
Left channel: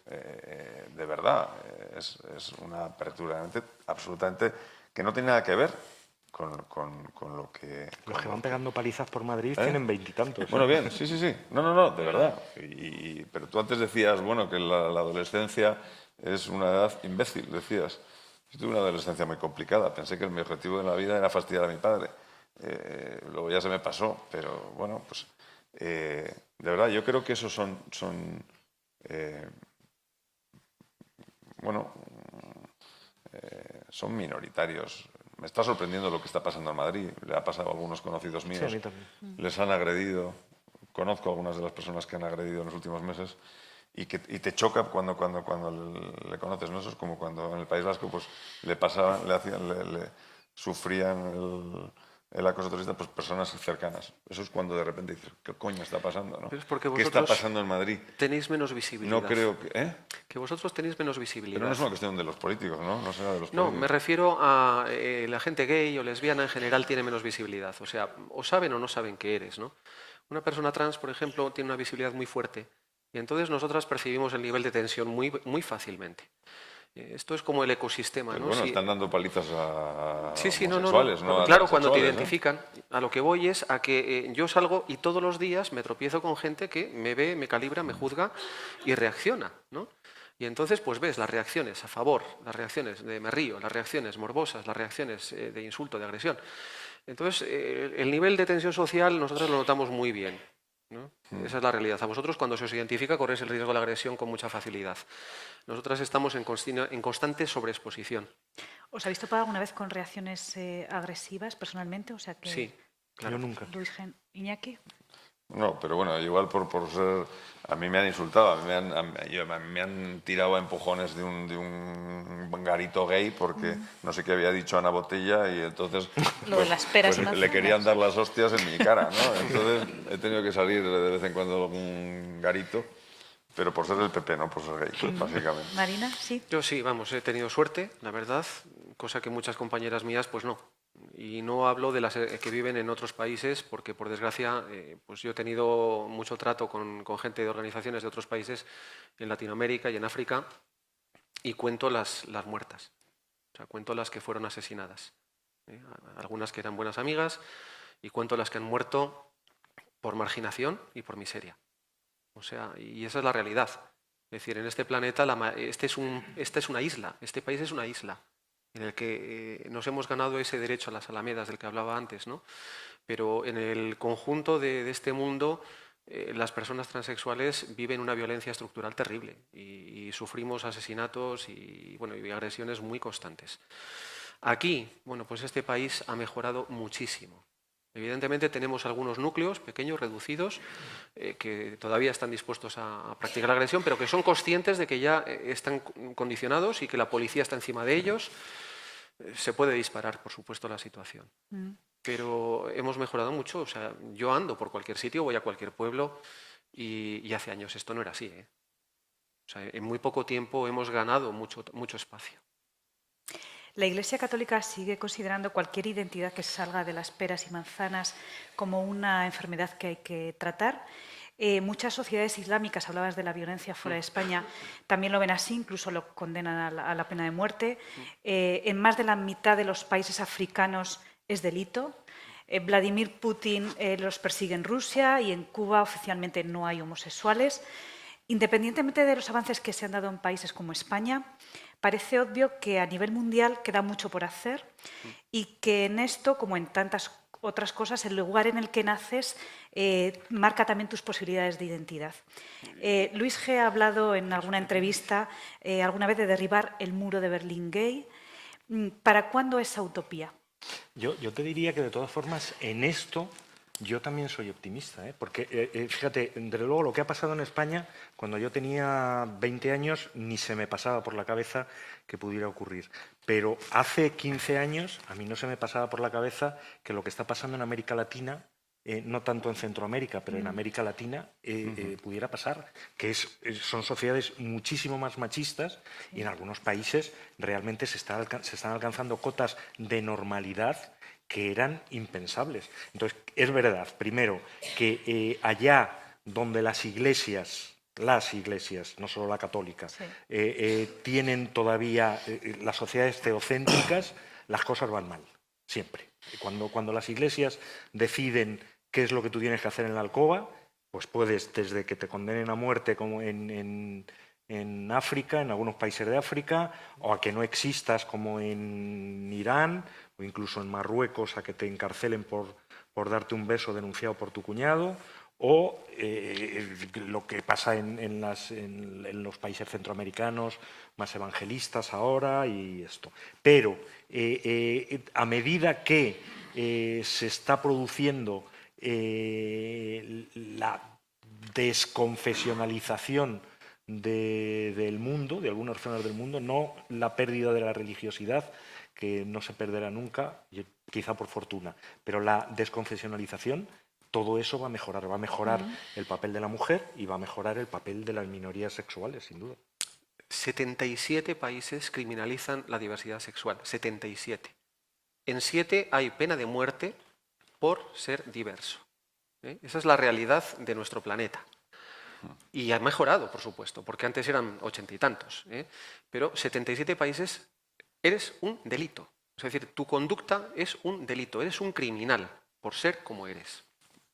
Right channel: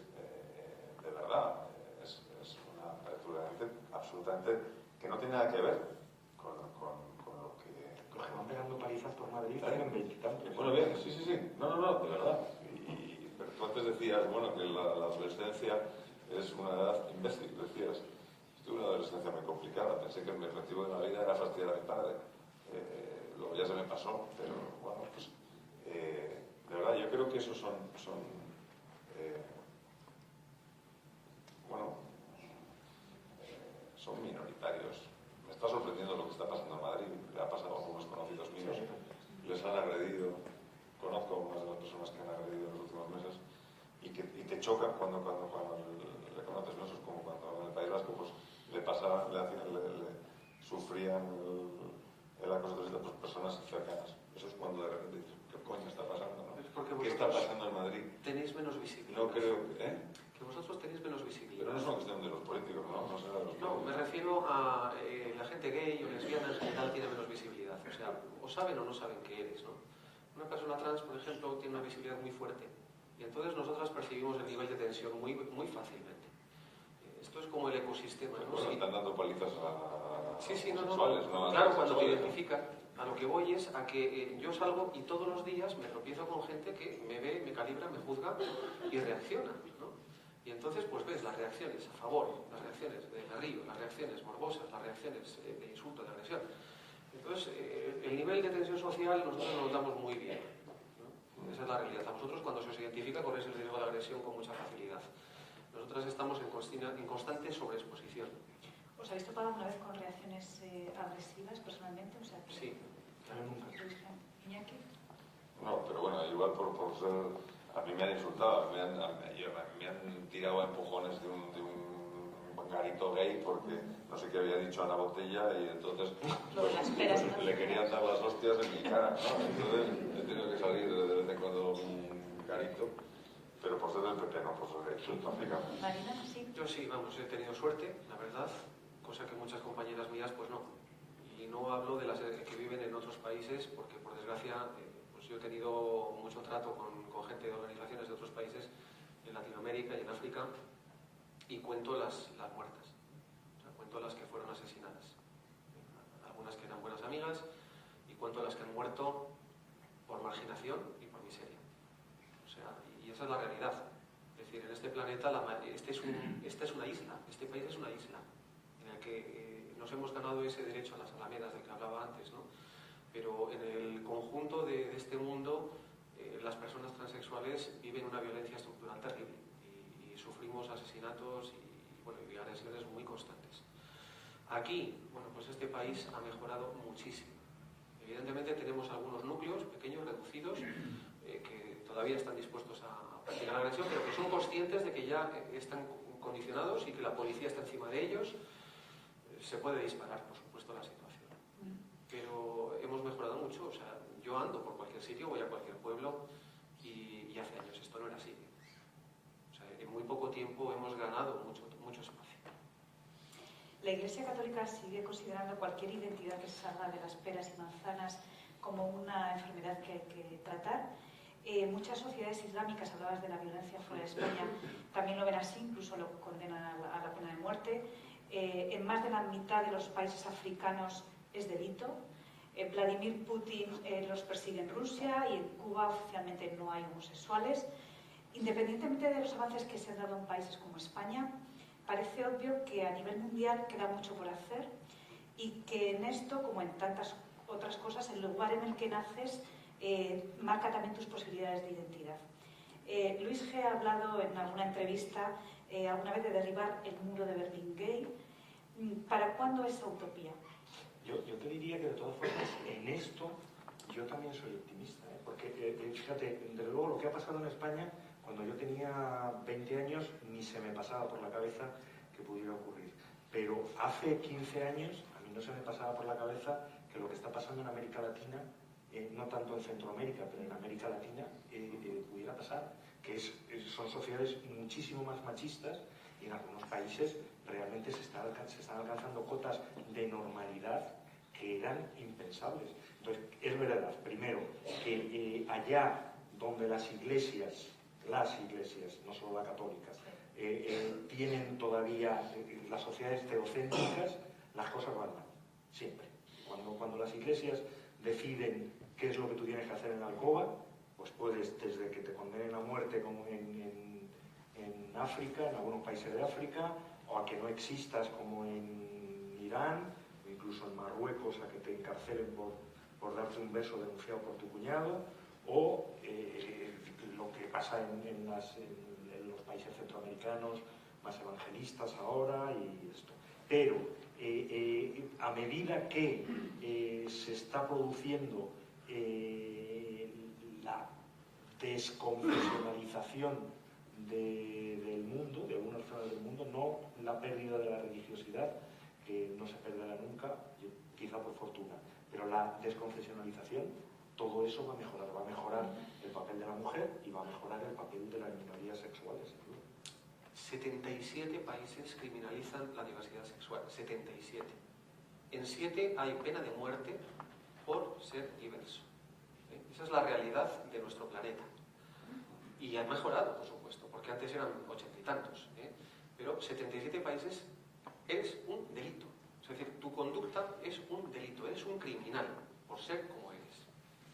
de verdad, es una apertura absolutamente que no tiene nada que ver con lo que... Los que van pegando palizas por Madrid tienen 20 y tantos. Bueno, bien, sí. No, de verdad. Pero tú antes decías, bueno, que la adolescencia es una edad imbécil, decías. Yo tuve una adolescencia muy complicada. Pensé que mi objetivo en la vida era fastidiar a mi padre. Luego ya se me pasó, pero bueno, pues... de verdad, yo creo que esos son minoritarios. Me está sorprendiendo lo que está pasando en Madrid. Le ha pasado a algunos conocidos míos. Sí, a mí también. Les han agredido. Conozco a algunas de las personas que han agredido en los últimos meses y te choca cuando le conoces, ¿no? Eso es como cuando en el País Vasco pues, sufrían el acoso terrorista, pues personas cercanas. Eso es cuando de repente dices, ¿qué coño está pasando? ¿No? Pero es porque ¿Qué está vosotros pasando en Madrid? tenéis menos visibilidad. No creo que... ¿eh? Que vosotros tenéis menos visibilidad. Pero no es una cuestión de los políticos, ¿no? No será de los No, políticos. me refiero a la gente gay o lesbiana en general tiene menos visibilidad. O sea, o saben o no saben qué eres, ¿no? Una persona trans, por ejemplo, tiene una visibilidad muy fuerte y entonces nosotras percibimos el nivel de tensión muy fácilmente. Esto es como el ecosistema, Pero ¿no? bueno, Sí. están dando palizas a Sí, homosexuales, ¿no? A Claro, cuando te transexuales, ¿no? identifican. A lo que voy es a que yo salgo y todos los días me tropiezo con gente que me ve, me calibra, me juzga y reacciona, ¿no? Y entonces pues ves las reacciones a favor, las reacciones de me río, las reacciones morbosas, las reacciones de insulto, de agresión. Entonces el nivel de tensión social nosotros lo notamos muy bien, ¿no? Esa es la realidad. A vosotros cuando se os identifica corréis el riesgo de la agresión con mucha facilidad. Nosotras estamos en constante sobreexposición. ¿Os habéis topado alguna vez con reacciones agresivas personalmente? O sea que... Sí, claro. Yo nunca. Iñaki. No, pero bueno, igual por ser... A mí me han insultado, a mí me han tirado a empujones de un garito gay porque no sé qué había dicho Ana Botella y entonces... Lo de las peras y le manzanas. querían dar las hostias en mi cara, ¿no? Entonces he tenido que salir de vez en cuando un garito, pero por ser del PP, no por ser gay, básicamente. Marina, sí. Yo sí, vamos, he tenido suerte, la verdad, cosa que muchas compañeras mías pues no. Y no hablo de las que viven en otros países porque, por desgracia, pues yo he tenido mucho trato con gente de organizaciones de otros países en Latinoamérica y en África y cuento las muertas, o sea, cuento las que fueron asesinadas. Algunas que eran buenas amigas y cuento las que han muerto por marginación y por miseria. O sea, y esa es la realidad. Es decir, en este planeta esta es una isla, este país es una isla en el que nos hemos ganado ese derecho a las alamedas del que hablaba antes, ¿no? Pero en el conjunto de este mundo las personas transexuales viven una violencia estructural terrible y sufrimos asesinatos y agresiones muy constantes. Aquí, bueno, pues este país ha mejorado muchísimo. Evidentemente tenemos algunos núcleos pequeños, reducidos, que todavía están dispuestos a practicar la agresión, pero que son conscientes de que ya están condicionados y que la policía está encima de ellos. Se puede disparar, por supuesto, la situación. Pero hemos mejorado mucho. O sea, yo ando por cualquier sitio, voy a cualquier pueblo y hace años esto no era así, ¿eh? O sea, en muy poco tiempo hemos ganado mucho espacio. La Iglesia Católica sigue considerando cualquier identidad que salga de las peras y manzanas como una enfermedad que hay que tratar. Muchas sociedades islámicas, hablabas de la violencia fuera de España, también lo ven así, incluso lo condenan a la pena de muerte. En más de la mitad de los países africanos es delito. Vladimir Putin los persigue en Rusia y en Cuba oficialmente no hay homosexuales. Independientemente de los avances que se han dado en países como España, parece obvio que a nivel mundial queda mucho por hacer y que en esto, como en tantas otras cosas, el lugar en el que naces marca también tus posibilidades de identidad. Luis G. ha hablado en alguna entrevista alguna vez de derribar el muro de Berlín gay. ¿Para cuándo esa utopía? Yo te diría que, de todas formas, en esto yo también soy optimista, ¿eh? Porque, fíjate, desde luego lo que ha pasado en España, cuando yo tenía 20 años, ni se me pasaba por la cabeza que pudiera ocurrir. Pero hace 15 años, a mí no se me pasaba por la cabeza que lo que está pasando en América Latina, no tanto en Centroamérica, pero en América Latina, pudiera pasar, que son sociedades muchísimo más machistas y en algunos países realmente se están alcanzando cotas de normalidad que eran impensables. Entonces, es verdad, primero, que allá donde las iglesias, no solo la católica, sí, tienen todavía las sociedades teocéntricas, las cosas van mal, siempre. Cuando las iglesias deciden qué es lo que tú tienes que hacer en la alcoba, pues puedes, desde que te condenen a muerte como en África, en algunos países de África, o a que no existas como en Irán, o incluso en Marruecos, a que te encarcelen por darte un beso denunciado por tu cuñado, o lo que pasa en los países centroamericanos más evangelistas ahora y esto. Pero a medida que se está produciendo la desconfesionalización del mundo, de algunas zonas del mundo, no la pérdida de la religiosidad, que no se perderá nunca. Yo quizá por fortuna, pero la desconfesionalización, todo eso va a mejorar el papel de la mujer y va a mejorar el papel de las minorías sexuales, sin duda. 77 países criminalizan la diversidad sexual, 77. En 7 hay pena de muerte por ser diverso. Esa es la realidad de nuestro planeta. Y ha mejorado, por supuesto, porque antes eran 80 y tantos. Pero 77 países, eres un delito. Es decir, tu conducta es un delito, eres un criminal por ser como eres.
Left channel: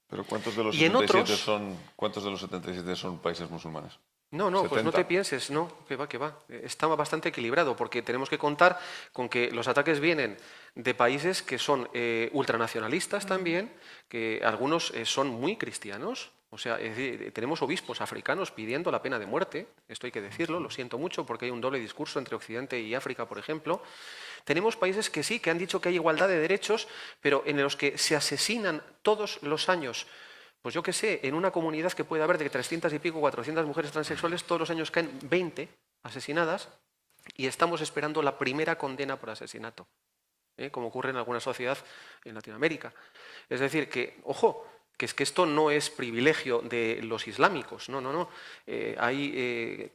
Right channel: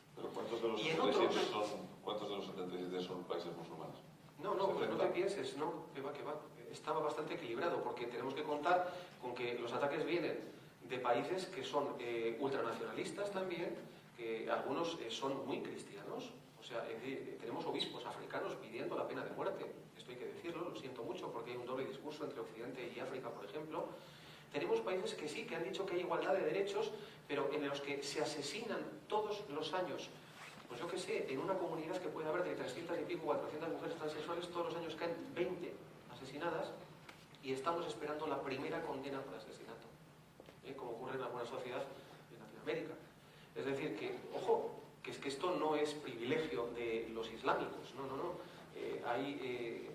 Pero ¿cuántos de los Y en 77 otros- ¿cuántos de los 77 son países musulmanes? No, pues no 70. te pienses, no, que va. Está bastante equilibrado, porque tenemos que contar con que los ataques vienen de países que son ultranacionalistas también, que algunos son muy cristianos. O sea, es decir, tenemos obispos africanos pidiendo la pena de muerte, esto hay que decirlo, lo siento mucho, porque hay un doble discurso entre Occidente y África, por ejemplo. Tenemos países que sí, que han dicho que hay igualdad de derechos, pero en los que se asesinan todos los años. Pues yo qué sé, en una comunidad que puede haber de 300 y pico, 400 mujeres transexuales, todos los años caen 20 asesinadas y estamos esperando la primera condena por asesinato, como ocurre en alguna sociedad en Latinoamérica. Es decir, que, ojo, que es que esto no es privilegio de los islámicos, no. Hay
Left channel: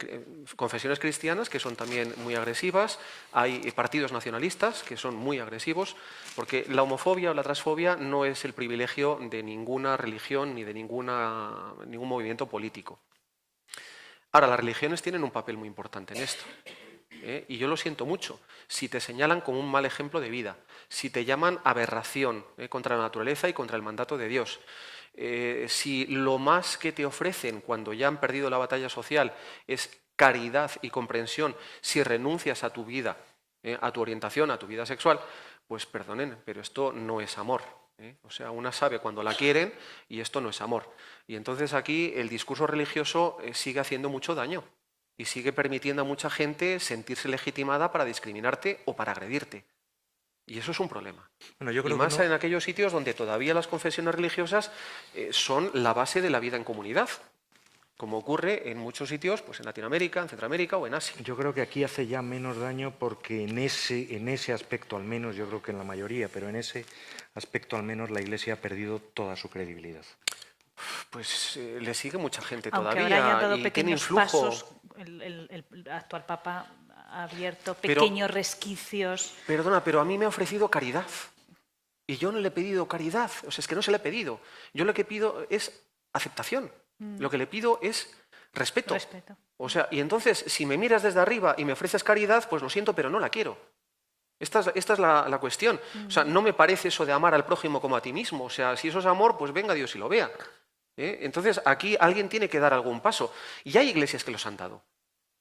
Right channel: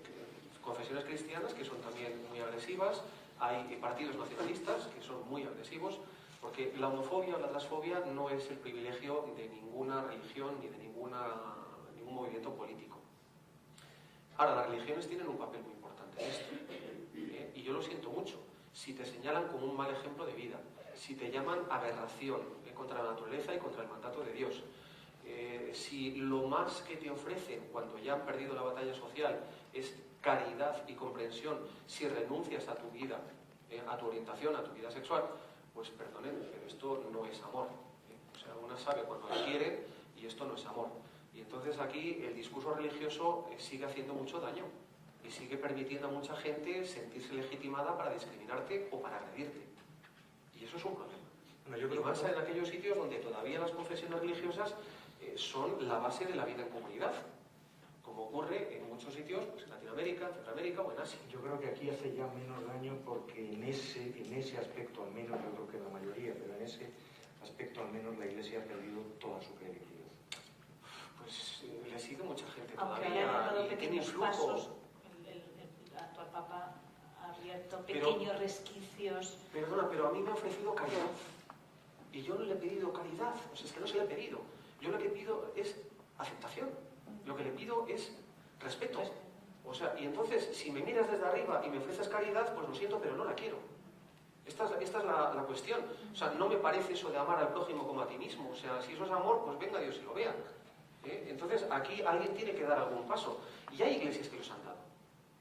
confesiones cristianas que son también muy agresivas, hay partidos nacionalistas que son muy agresivos, porque la homofobia o la transfobia no es el privilegio de ninguna religión ni de ningún movimiento político. Ahora, las religiones tienen un papel muy importante en esto, y yo lo siento mucho. Si te señalan como un mal ejemplo de vida, si te llaman aberración contra la naturaleza y contra el mandato de Dios, si lo más que te ofrecen cuando ya han perdido la batalla social es caridad y comprensión, si renuncias a tu vida, a tu orientación, a tu vida sexual, pues perdonen, pero esto no es amor. O sea, una sabe cuando la quieren y esto no es amor. Y entonces aquí el discurso religioso sigue haciendo mucho daño y sigue permitiendo a mucha gente sentirse legitimada para discriminarte o para agredirte. Y eso es un problema. Bueno, yo creo y más que no. en aquellos sitios donde todavía las confesiones religiosas son la base de la vida en comunidad, como ocurre en muchos sitios, pues en Latinoamérica, en Centroamérica o en Asia. Yo creo que aquí hace ya menos daño porque en ese aspecto al menos, yo creo que en la mayoría, pero en ese aspecto al menos la Iglesia ha perdido toda su credibilidad. Pues le sigue mucha gente Aunque todavía ahora haya dado y tiene pequeños influjo. pasos, el actual Papa ha abierto pequeños resquicios. Perdona, pero a mí me ha ofrecido caridad. Y yo no le he pedido caridad. O sea, es que no se le he pedido. Yo lo que pido es aceptación. Lo que le pido es respeto. O sea, y entonces, si me miras desde arriba y me ofreces caridad, pues lo siento, pero no la quiero. Esta es la cuestión. O sea, no me parece eso de amar al prójimo como a ti mismo. O sea, si eso es amor, pues venga Dios y lo vea. Entonces, aquí alguien tiene que dar algún paso. Y hay iglesias que los han dado.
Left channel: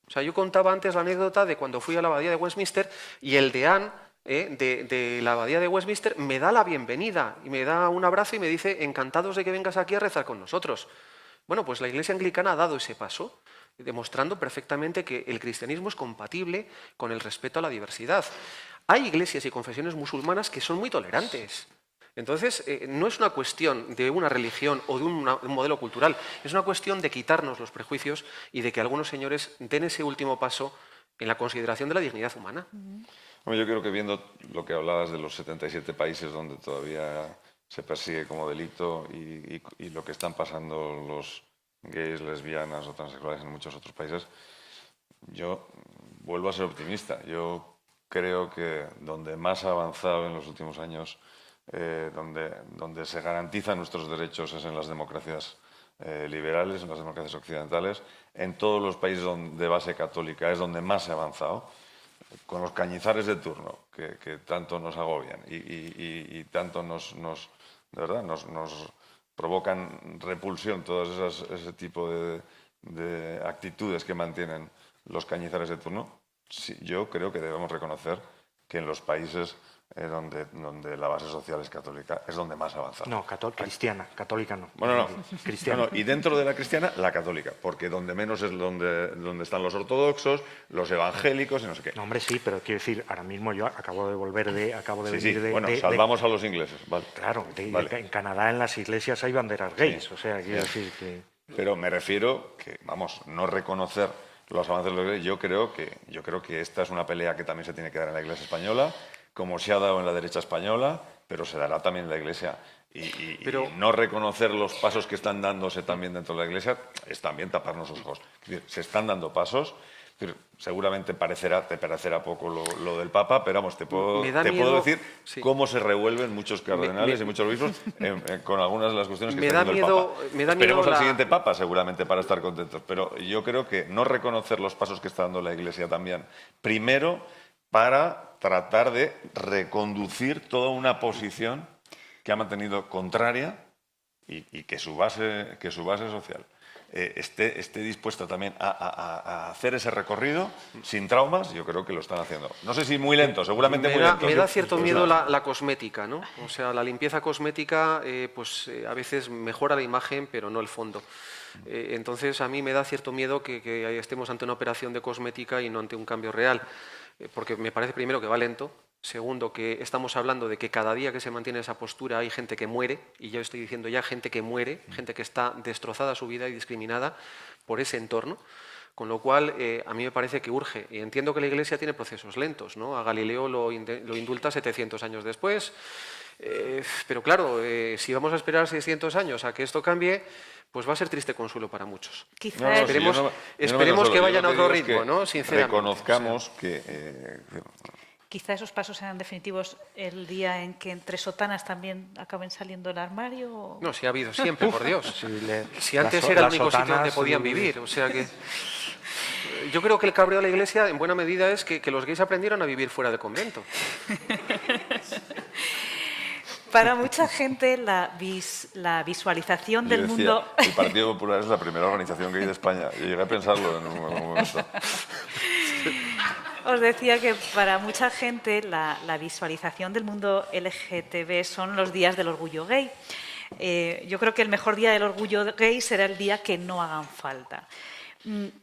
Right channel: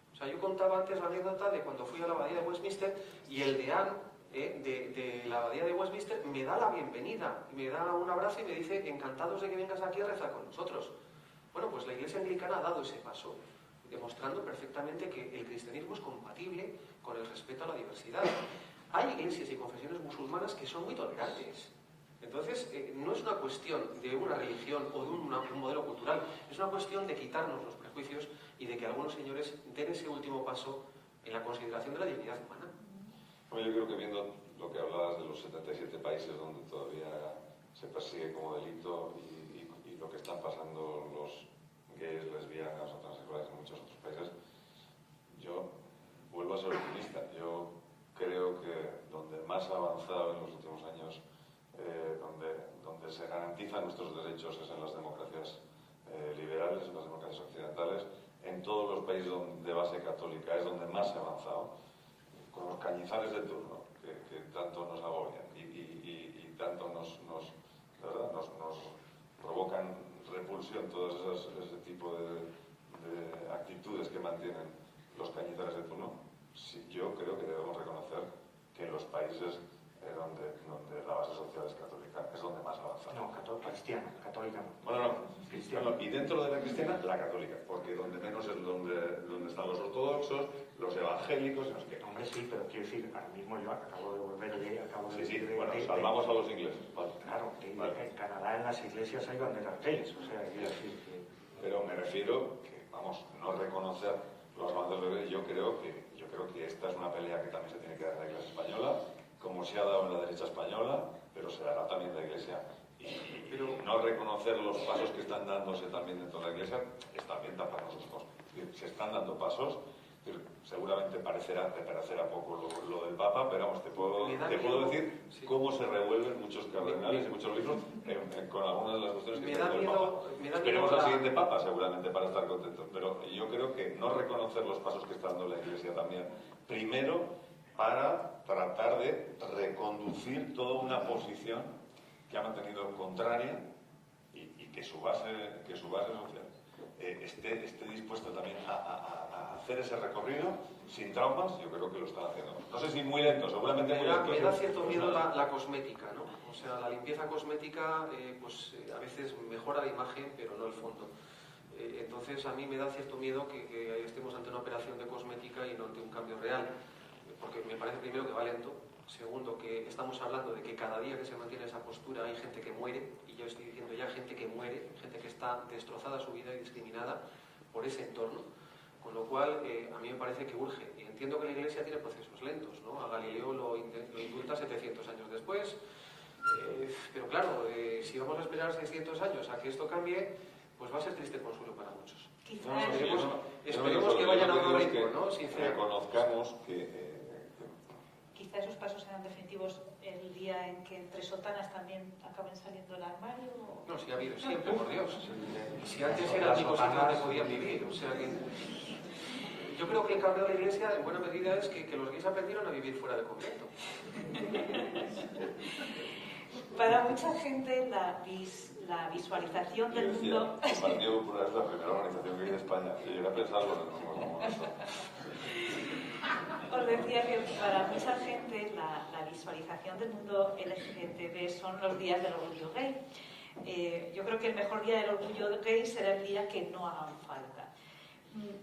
O sea, yo contaba antes la anécdota de cuando fui a la abadía de Westminster y el deán de la abadía de Westminster me da la bienvenida y me da un abrazo y me dice, encantados de que vengas aquí a rezar con nosotros. Bueno, pues la Iglesia anglicana ha dado ese paso, demostrando perfectamente que el cristianismo es compatible con el respeto a la diversidad. Hay iglesias y confesiones musulmanas que son muy tolerantes. Entonces, no es una cuestión de una religión o de un modelo cultural, es una cuestión de quitarnos los prejuicios y de que algunos señores den ese último paso en la consideración de la dignidad humana. Bueno, yo creo que viendo lo que hablabas de los 77 países donde todavía se persigue como delito y lo que están pasando los gays, lesbianas o transexuales en muchos otros países, yo vuelvo a ser optimista. Yo creo que donde más ha avanzado en los últimos años, donde se garantizan nuestros derechos es en las democracias liberales, en las democracias occidentales, en todos los países de base católica es donde más se ha avanzado, con los cañizares de turno que tanto nos agobian y tanto de verdad, nos provocan repulsión, ese tipo de actitudes que mantienen los cañizares de turno. Sí, yo creo que debemos reconocer que en los países donde la base social es católica es donde más avanza. No, cristiana, católica no. Bueno, no. Cristiana. No, y dentro de la cristiana, la católica, porque donde menos es donde están los ortodoxos, los evangélicos y no sé qué. No, hombre, sí, pero quiero decir, ahora mismo yo acabo de venir de... Bueno, salvamos a los ingleses, ¿vale? Claro, Vale. en Canadá en las iglesias hay banderas gays, o sea, quiero decir que... Pero me refiero que, vamos, no reconocer los avances de los gays, yo creo que esta es una pelea que también se tiene que dar en la Iglesia española, como se ha dado en la derecha española, pero se dará también en la Iglesia. Y no reconocer los pasos que están dándose también dentro de la Iglesia es también taparnos los ojos. Es decir, se están dando pasos, pero seguramente te parecerá poco lo del Papa, pero vamos, te puedo decir sí, cómo se revuelven muchos cardenales y muchos obispos con algunas de las cuestiones que está haciendo el Papa. Esperemos al siguiente Papa seguramente para estar contentos, pero yo creo que no reconocer los pasos que está dando la Iglesia también, primero para tratar de reconducir toda una posición que ha mantenido contraria y que su base social esté dispuesta también a hacer ese recorrido sin traumas, yo creo que lo están haciendo. No sé si muy lento, seguramente muy lento. Me da cierto miedo la cosmética, ¿no? O sea, la limpieza cosmética a veces mejora la imagen, pero no el fondo. Entonces, a mí me da cierto miedo que estemos ante una operación de cosmética y no ante un cambio real, porque me parece primero que va lento. Segundo, que estamos hablando de que cada día que se mantiene esa postura hay gente que muere, y yo estoy diciendo ya gente que muere, gente que está destrozada su vida y discriminada por ese entorno, con lo cual a mí me parece que urge. Y entiendo que la Iglesia tiene procesos lentos, ¿no? A Galileo lo indulta 700 años después, pero claro, si vamos a esperar 600 años a que esto cambie, pues va a ser triste consuelo para muchos. Quizás esperemos que vayan a otro ritmo, ¿no? Sinceramente. Reconozcamos que... Quizá esos pasos sean definitivos el día en que entre sotanas también acaben saliendo del armario. ¿O? No, si ha habido siempre, por Dios. Si antes era el único sitio donde podían vivir. O sea que... Yo creo que el cabreo de la Iglesia, en buena medida, es que los gays aprendieron a vivir fuera del convento. Para mucha gente, la visualización del mundo... El Partido Popular es la primera organización gay de España. Yo llegué a pensarlo en un momento. Os decía que para mucha gente la visualización del mundo LGTB son los días del orgullo gay. Yo creo que el mejor día del orgullo gay será el día que no hagan falta.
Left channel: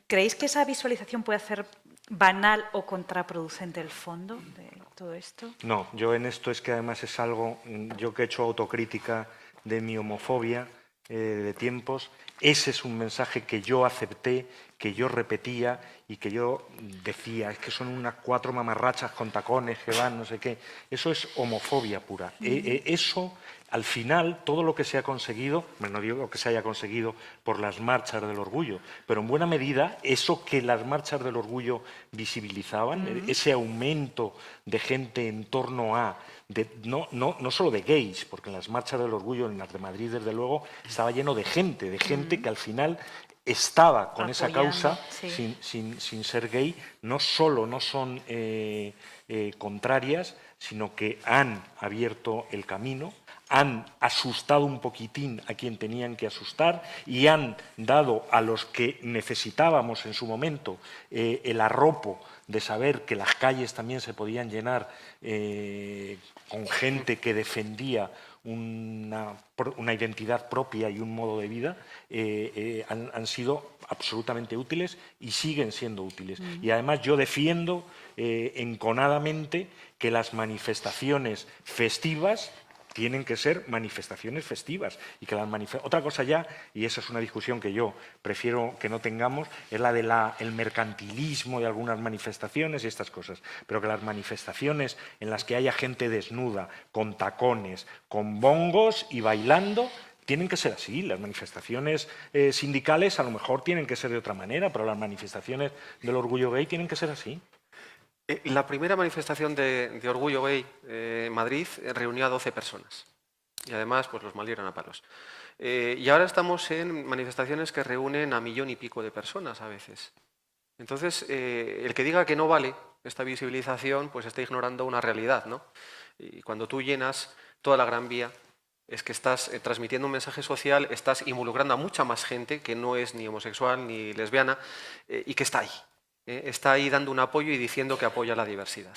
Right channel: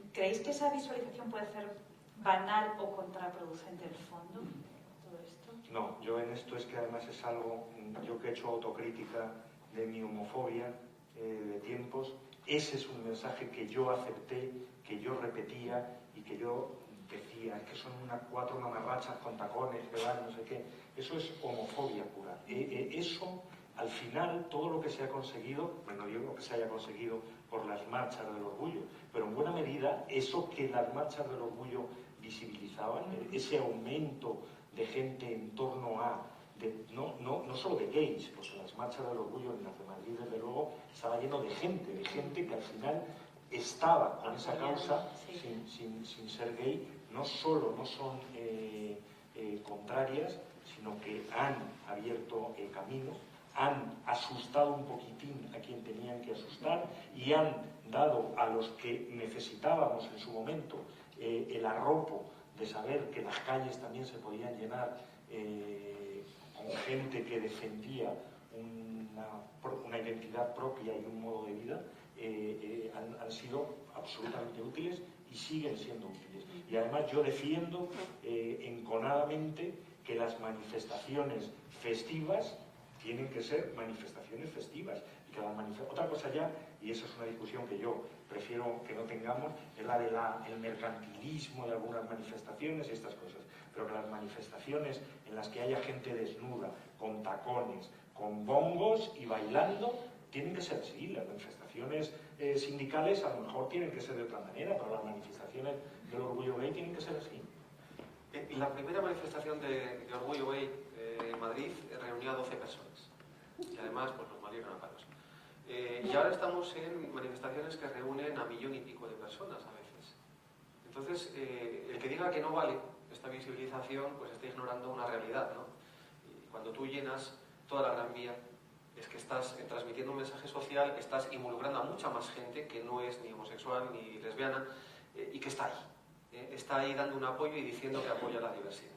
¿Creéis que esa visualización puede hacer banal o contraproducente el fondo de todo esto? No, yo en esto es que además es algo, yo que he hecho autocrítica de mi homofobia de tiempos, ese es un mensaje que yo acepté, que yo repetía y que yo decía, es que son unas 4 mamarrachas con tacones que van, no sé qué. Eso es homofobia pura. Eso, al final, todo lo que se ha conseguido, bueno, no digo que se haya conseguido por las marchas del orgullo, pero en buena medida eso que las marchas del orgullo visibilizaban, ese aumento de gente en torno a... no solo de gays, porque en las marchas del orgullo, en las de Madrid, desde luego, estaba lleno de gente que al final estaba con esa causa, sí, sin ser gay. No solo no son contrarias, sino que han abierto el camino, han asustado un poquitín a quien tenían que asustar y han dado a los que necesitábamos en su momento el arropo de saber que las calles también se podían llenar con gente que defendía una identidad propia y un modo de vida, han sido absolutamente útiles y siguen siendo útiles. Y además yo defiendo enconadamente que las manifestaciones festivas tienen que ser manifestaciones festivas y que otra cosa ya, y esa es una discusión que yo prefiero que no tengamos, es la del mercantilismo de algunas manifestaciones y estas cosas, pero que las manifestaciones en las que haya gente desnuda, con tacones, con bongos y bailando, tienen que ser así. Las manifestaciones sindicales a lo mejor tienen que ser de otra manera, pero las manifestaciones del orgullo gay tienen que ser así. La primera manifestación de orgullo gay en Madrid reunió a 12 personas y además pues los maldieron a palos. Y ahora estamos en manifestaciones que reúnen a 1,000,000 y pico de personas a veces. Entonces, el que diga que no vale esta visibilización, pues está ignorando una realidad, ¿no? Y cuando tú llenas toda la Gran Vía, es que estás transmitiendo un mensaje social, estás involucrando a mucha más gente que no es ni homosexual ni lesbiana y que está ahí. Está ahí dando un apoyo y diciendo que apoya la diversidad.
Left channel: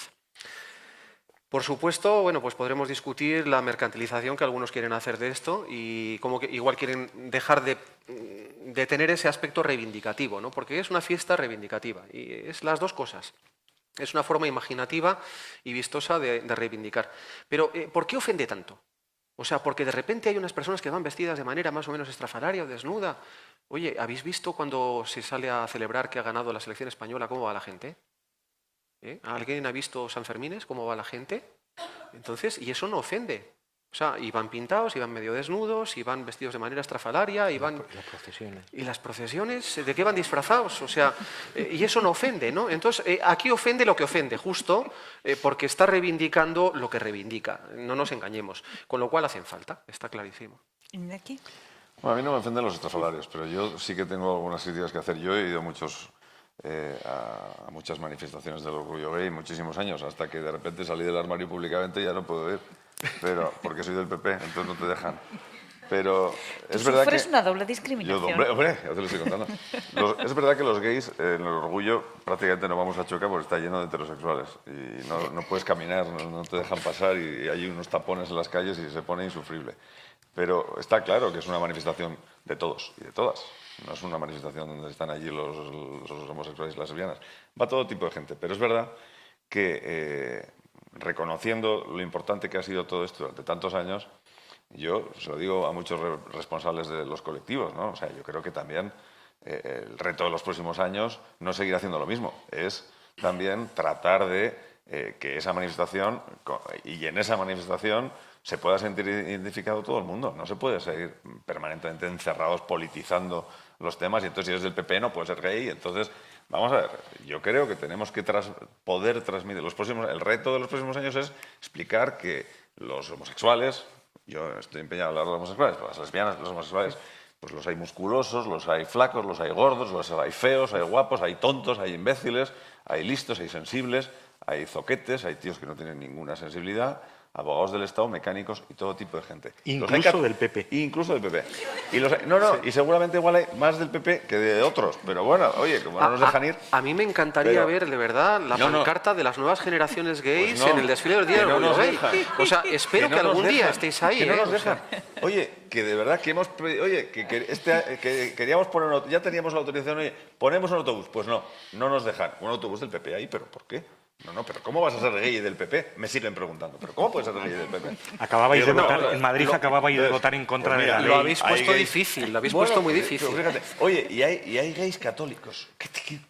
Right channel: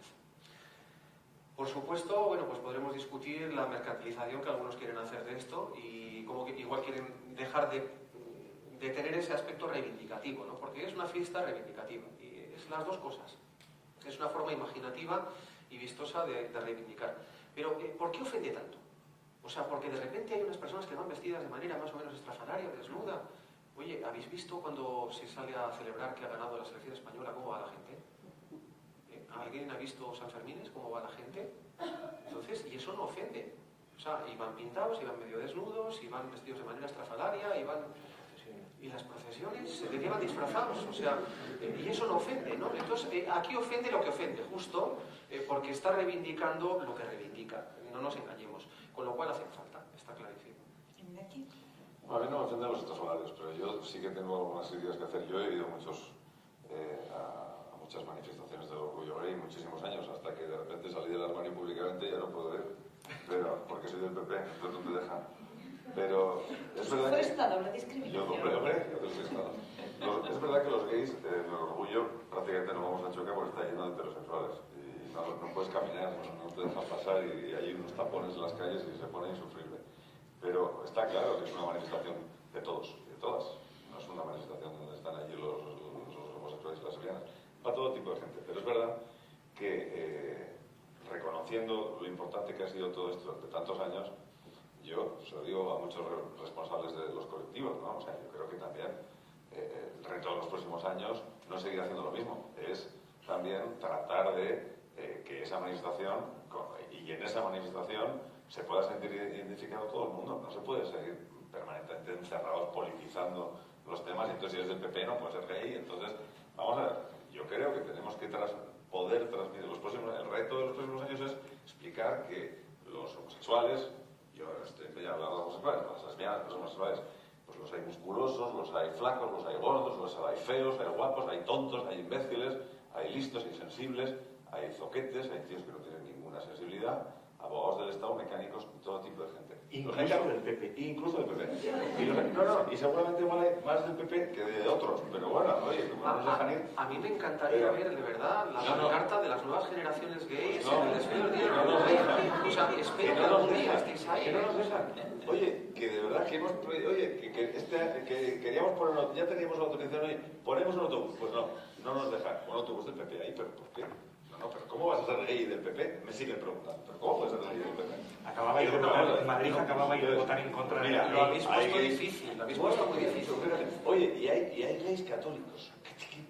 Por supuesto, bueno, pues podremos discutir la mercantilización que algunos quieren hacer de esto y como que igual quieren dejar de tener ese aspecto reivindicativo, ¿no? Porque es una fiesta reivindicativa y es las dos cosas. Es una forma imaginativa y vistosa de reivindicar. Pero, ¿por qué ofende tanto? O sea, porque de repente hay unas personas que van vestidas de manera más o menos estrafalaria o desnuda. Oye, ¿habéis visto cuando se sale a celebrar que ha ganado la selección española cómo va la gente? ¿Alguien ha visto San Fermines, cómo va la gente? Entonces, y eso no ofende. O sea, iban pintados, iban medio desnudos, iban vestidos de manera estrafalaria, iban... Las procesiones. ¿Y las procesiones? ¿De qué van disfrazados? O sea, y eso no ofende, ¿no? Entonces, aquí ofende lo que ofende, justo porque está reivindicando lo que reivindica. No nos engañemos. Con lo cual hacen falta, está clarísimo. Iñaki. Bueno, a mí no me ofenden los estrafalarios, pero yo sí que tengo algunas críticas que hacer. Yo he ido a muchas manifestaciones del orgullo gay muchísimos años, hasta que de repente salí del armario públicamente y ya no puedo ir, pero, porque soy del PP, entonces no te dejan. Pero es verdad que... Sufres una doble discriminación. Hombre, ya te lo estoy contando. Es verdad que los gays, en el orgullo, prácticamente no vamos a chocar porque está lleno de heterosexuales. Y no puedes caminar, no te dejan pasar y hay unos tapones en las calles y se pone insufrible. Pero está claro que es una manifestación de todos y de todas. No es una manifestación donde están allí los homosexuales y las lesbianas. Va todo tipo de gente. Pero es verdad que, reconociendo lo importante que ha sido todo esto de tantos años, yo se lo digo a muchos responsables de los colectivos, ¿no? O sea, yo creo que también el reto de los próximos años no es seguir haciendo lo mismo, es también tratar de que esa manifestación, y en esa manifestación se pueda sentir identificado todo el mundo. No se puede seguir permanentemente encerrados politizando los temas y entonces si eres del PP no puedes ser gay. Entonces, vamos a ver, yo creo que tenemos que poder transmitir el reto de los próximos años es explicar que los homosexuales, yo estoy empeñado en hablar de los homosexuales, pero las lesbianas, los homosexuales, pues los hay musculosos, los hay flacos, los hay gordos, los hay feos, hay guapos, hay tontos, hay imbéciles, hay listos, hay sensibles, hay zoquetes, hay tíos que no tienen ninguna sensibilidad, abogados del Estado, mecánicos y todo tipo de gente. Incluso del PP. Incluso del PP. Y seguramente igual hay más del PP que de otros, pero bueno, oye, como no nos dejan ir... A mí me encantaría ver, de verdad, la pancarta de las nuevas generaciones gays Pues en el desfile del Día del Orgullo Gay. O sea, espero que algún día estéis ahí. Que no nos dejan. Oye, que de verdad que hemos... Oye, que queríamos poner... Ya teníamos la autorización, oye, ponemos un autobús. Pues no nos dejan. Un autobús del PP ahí, ¿pero por qué? No, pero ¿cómo vas a ser gay del PP? Me siguen preguntando, ¿pero cómo puedes ser gay del PP? Acababais de votar, en Madrid acababais de votar en contra de la ley. Lo habéis puesto difícil, lo habéis puesto muy difícil. Fíjate, oye, y hay gays católicos.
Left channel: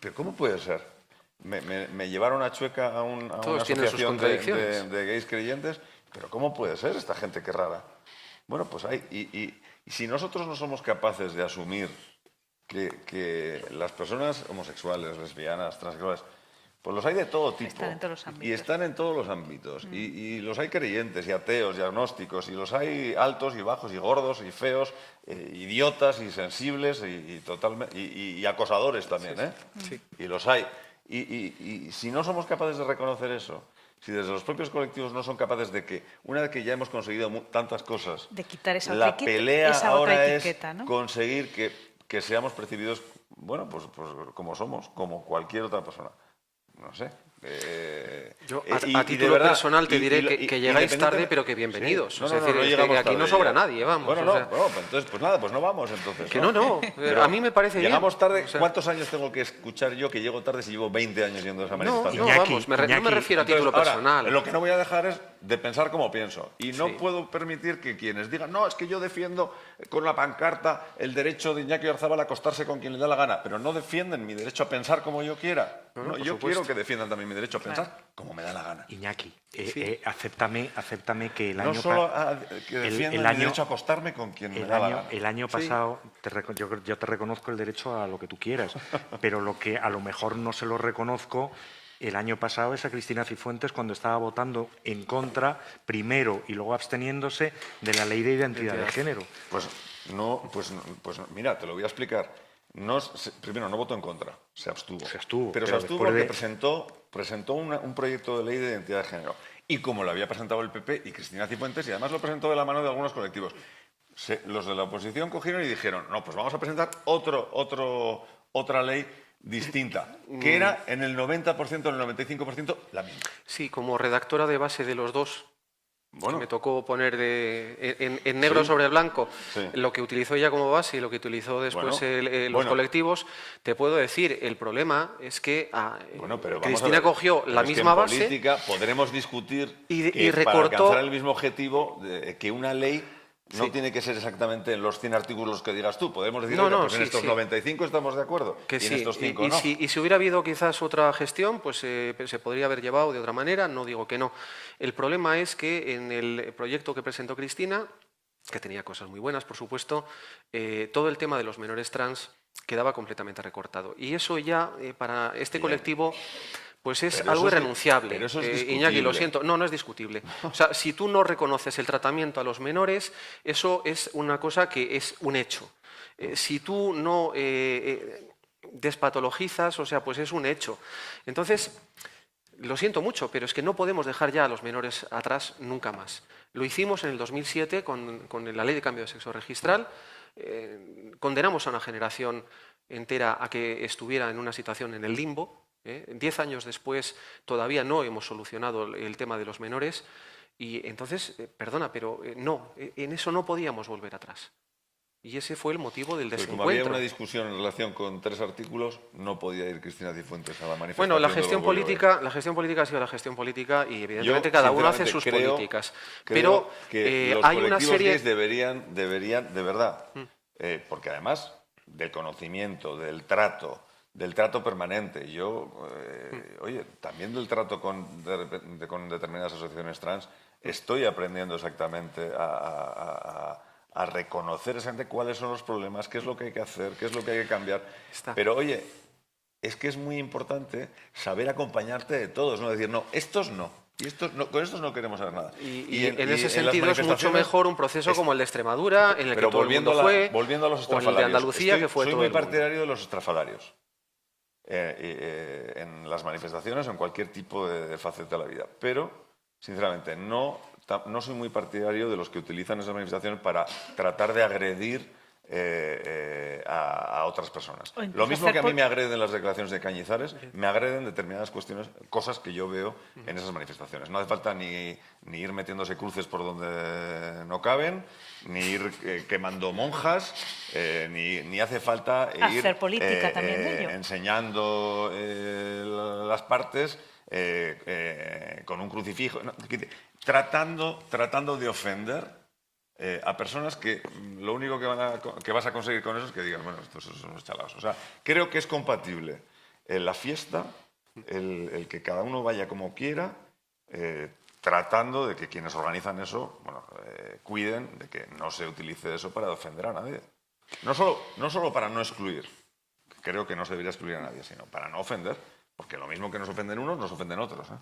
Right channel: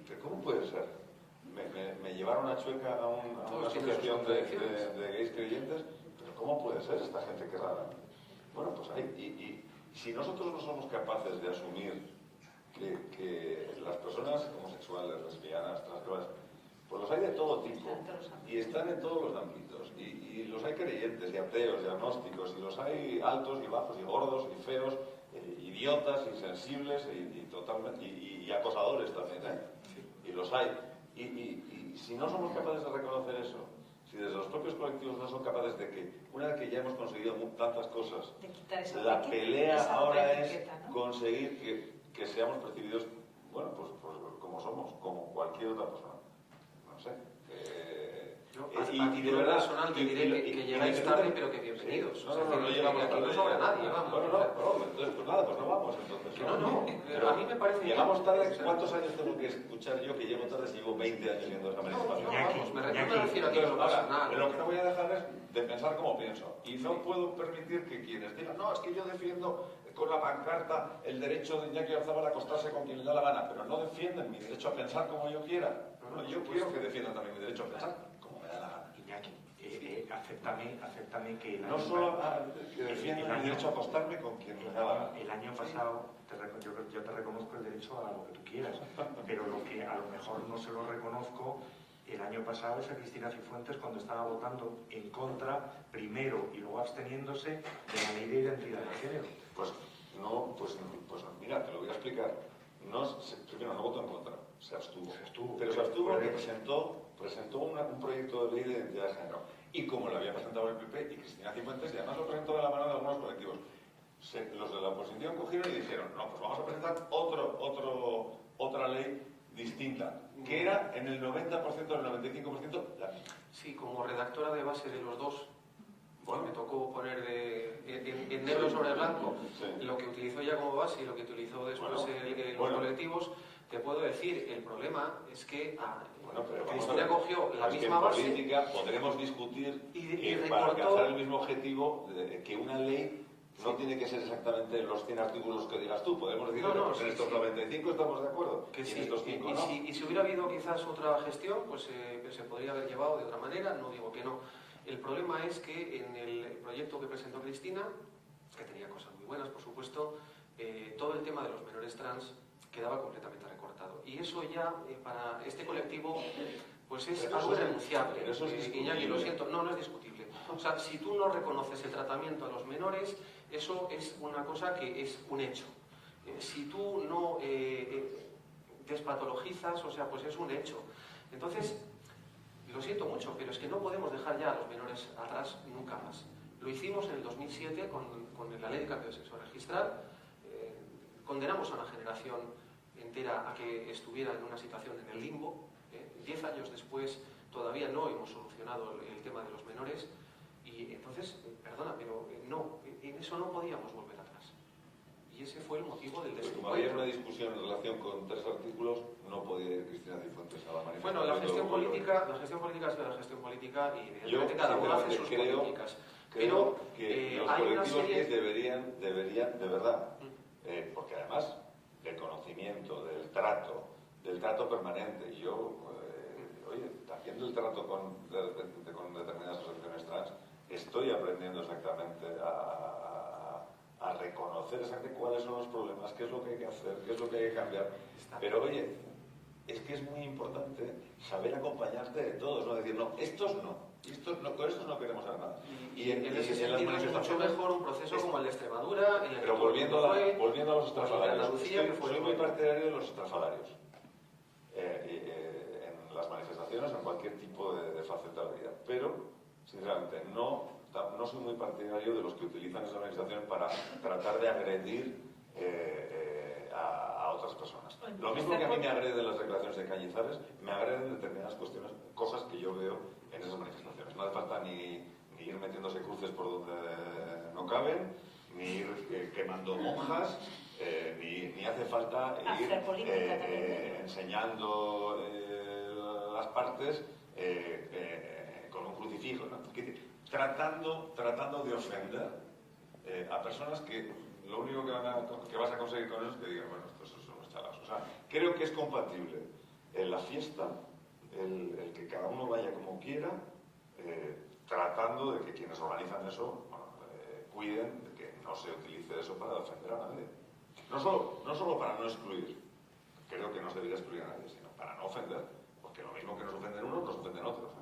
¿Pero cómo puede ser? Me llevaron a Chueca a una asociación de gays creyentes, pero ¿cómo puede ser esta gente? Qué rara. Bueno, pues hay... Y si nosotros no somos capaces de asumir que las personas homosexuales, lesbianas, transexuales, pues los hay de todo tipo. Están en todos los ámbitos. Y están en todos los ámbitos. Y los hay creyentes y ateos y agnósticos. Y los hay altos y bajos y gordos y feos, idiotas y sensibles y acosadores también. Sí. Y los hay. Y si no somos capaces de reconocer eso, si desde los propios colectivos no son capaces de que, una vez que ya hemos conseguido tantas cosas, de quitar esa la pelea ahora etiqueta, es ¿no? conseguir que seamos percibidos, bueno, pues como somos, como cualquier otra persona. No sé. Yo a título personal te diré que llegáis tarde, pero que bienvenidos. Sí. Es decir, que aquí no sobra nadie, vamos. Bueno, entonces, pues nada, pues no vamos entonces. Que no. A mí me parece bien. Llegamos tarde. ¿Cuántos años tengo que escuchar yo que llego tarde si llevo 20 años yendo a esa manifestación? No, vamos, no me refiero a título personal. Lo que no voy a dejar es de pensar como pienso. Y no puedo permitir que quienes digan, no, es que yo defiendo con la pancarta el derecho de Iñaki Oyarzabal a acostarse con quien le da la gana, pero no defienden mi derecho a pensar como yo quiera. No, yo quiero que defiendan también mi derecho a pensar como me da la gana. Iñaki, acéptame que el año... No solo que defiendan mi derecho a acostarme con quien me da la gana. El año pasado, yo te reconozco el derecho a lo que tú quieras, pero lo que a lo mejor no se lo reconozco el año pasado es a Cristina Cifuentes cuando estaba votando en contra, primero y luego absteniéndose de la ley de identidad de género. Pues mira, te lo voy a explicar. Primero, no votó en contra, se abstuvo. Pero se abstuvo porque presentó un proyecto de ley de identidad de género. Y como lo había presentado el PP y Cristina Cifuentes, y además lo presentó de la mano de algunos colectivos, los de la oposición cogieron y dijeron, no, pues vamos a presentar otra ley distinta, que era en el 90%, en el 95% la misma. Sí, como redactora de base de los dos. Bueno. Me tocó poner en negro sobre blanco lo que utilizó ella como base y lo que utilizó después los colectivos. Te puedo decir, el problema es que Cristina cogió la misma base. En política podremos discutir y para recortó alcanzar el mismo objetivo que una ley No tiene que ser exactamente los 100 artículos que digas tú. Podemos decir, No, oye, no, pues en sí, estos sí. 95 estamos de acuerdo. Que y sí, en estos 5 y no. si hubiera habido quizás otra gestión, pues se podría haber llevado de otra manera, no digo que no. El problema es que en el proyecto que presentó Cristina, que tenía cosas muy buenas, por supuesto, todo el tema de los menores trans quedaba completamente recortado. Y eso ya, para este colectivo, pues es Pero algo eso es- irrenunciable. pero eso es discutible. Iñaki, lo siento, no es discutible. O sea, si tú no reconoces el tratamiento a los menores, eso es una cosa que es un hecho. Si tú no despatologizas, o sea, pues es un hecho. Entonces, lo siento mucho, pero es que no podemos dejar ya a los menores atrás nunca más. Lo hicimos en el 2007 con la Ley de Cambio de Sexo Registral. Condenamos a una generación entera a que estuviera en una situación en el limbo. 10 años después todavía no hemos solucionado el tema de los menores y entonces, perdona, pero no, en eso no podíamos volver atrás. Y ese fue el motivo del Pues como había desencuentro. una discusión en relación con 3 artículos, no podía ir Cristina Cifuentes a la manifestación. Bueno, la del gestión orgullo. política ha sido la gestión política y evidentemente Yo, cada uno hace sinceramente, sus creo políticas. Creo Pero que los hay una colectivos serie... gays deberían, de verdad, porque además del conocimiento, del trato permanente, yo, oye, también del trato con determinadas asociaciones trans, estoy aprendiendo exactamente a reconocer exactamente cuáles son los problemas, qué es lo que hay que hacer, qué es lo que hay que cambiar. Pero oye, es que es muy importante saber acompañarte de todos, no decir, no, estos no. Y estos no, con estos no queremos hacer nada. Y en ese las sentido es mucho manifestaciones, mejor un proceso como el de Extremadura, en el que pero todo el mundo fue, volviendo a los o en estrafalarios. el de Andalucía, que fue soy todo muy el mundo. partidario de los estrafalarios. En las manifestaciones o en cualquier tipo de faceta de la vida. Pero, sinceramente, no soy muy partidario de los que utilizan esas manifestaciones para tratar de agredir a otras personas. Lo mismo que a mí me agreden las declaraciones de Cañizares, me agreden determinadas cuestiones, cosas que yo veo en esas manifestaciones. No hace falta ni ir metiéndose cruces por donde no caben, ni ir quemando monjas, ni hace falta ir hacer política también de ello. enseñando las partes con un crucifijo, no, tratando de ofender a personas que lo único que vas a conseguir con eso es que digan, bueno, estos son unos chalaos. O sea, creo que es compatible en la fiesta el que cada uno vaya como quiera, tratando de que quienes organizan eso, bueno, cuiden de que no se utilice eso para ofender a nadie. No solo para no excluir, creo que no se debería excluir a nadie, sino para no ofender, porque lo mismo que nos ofenden unos, nos ofenden otros, ¿eh?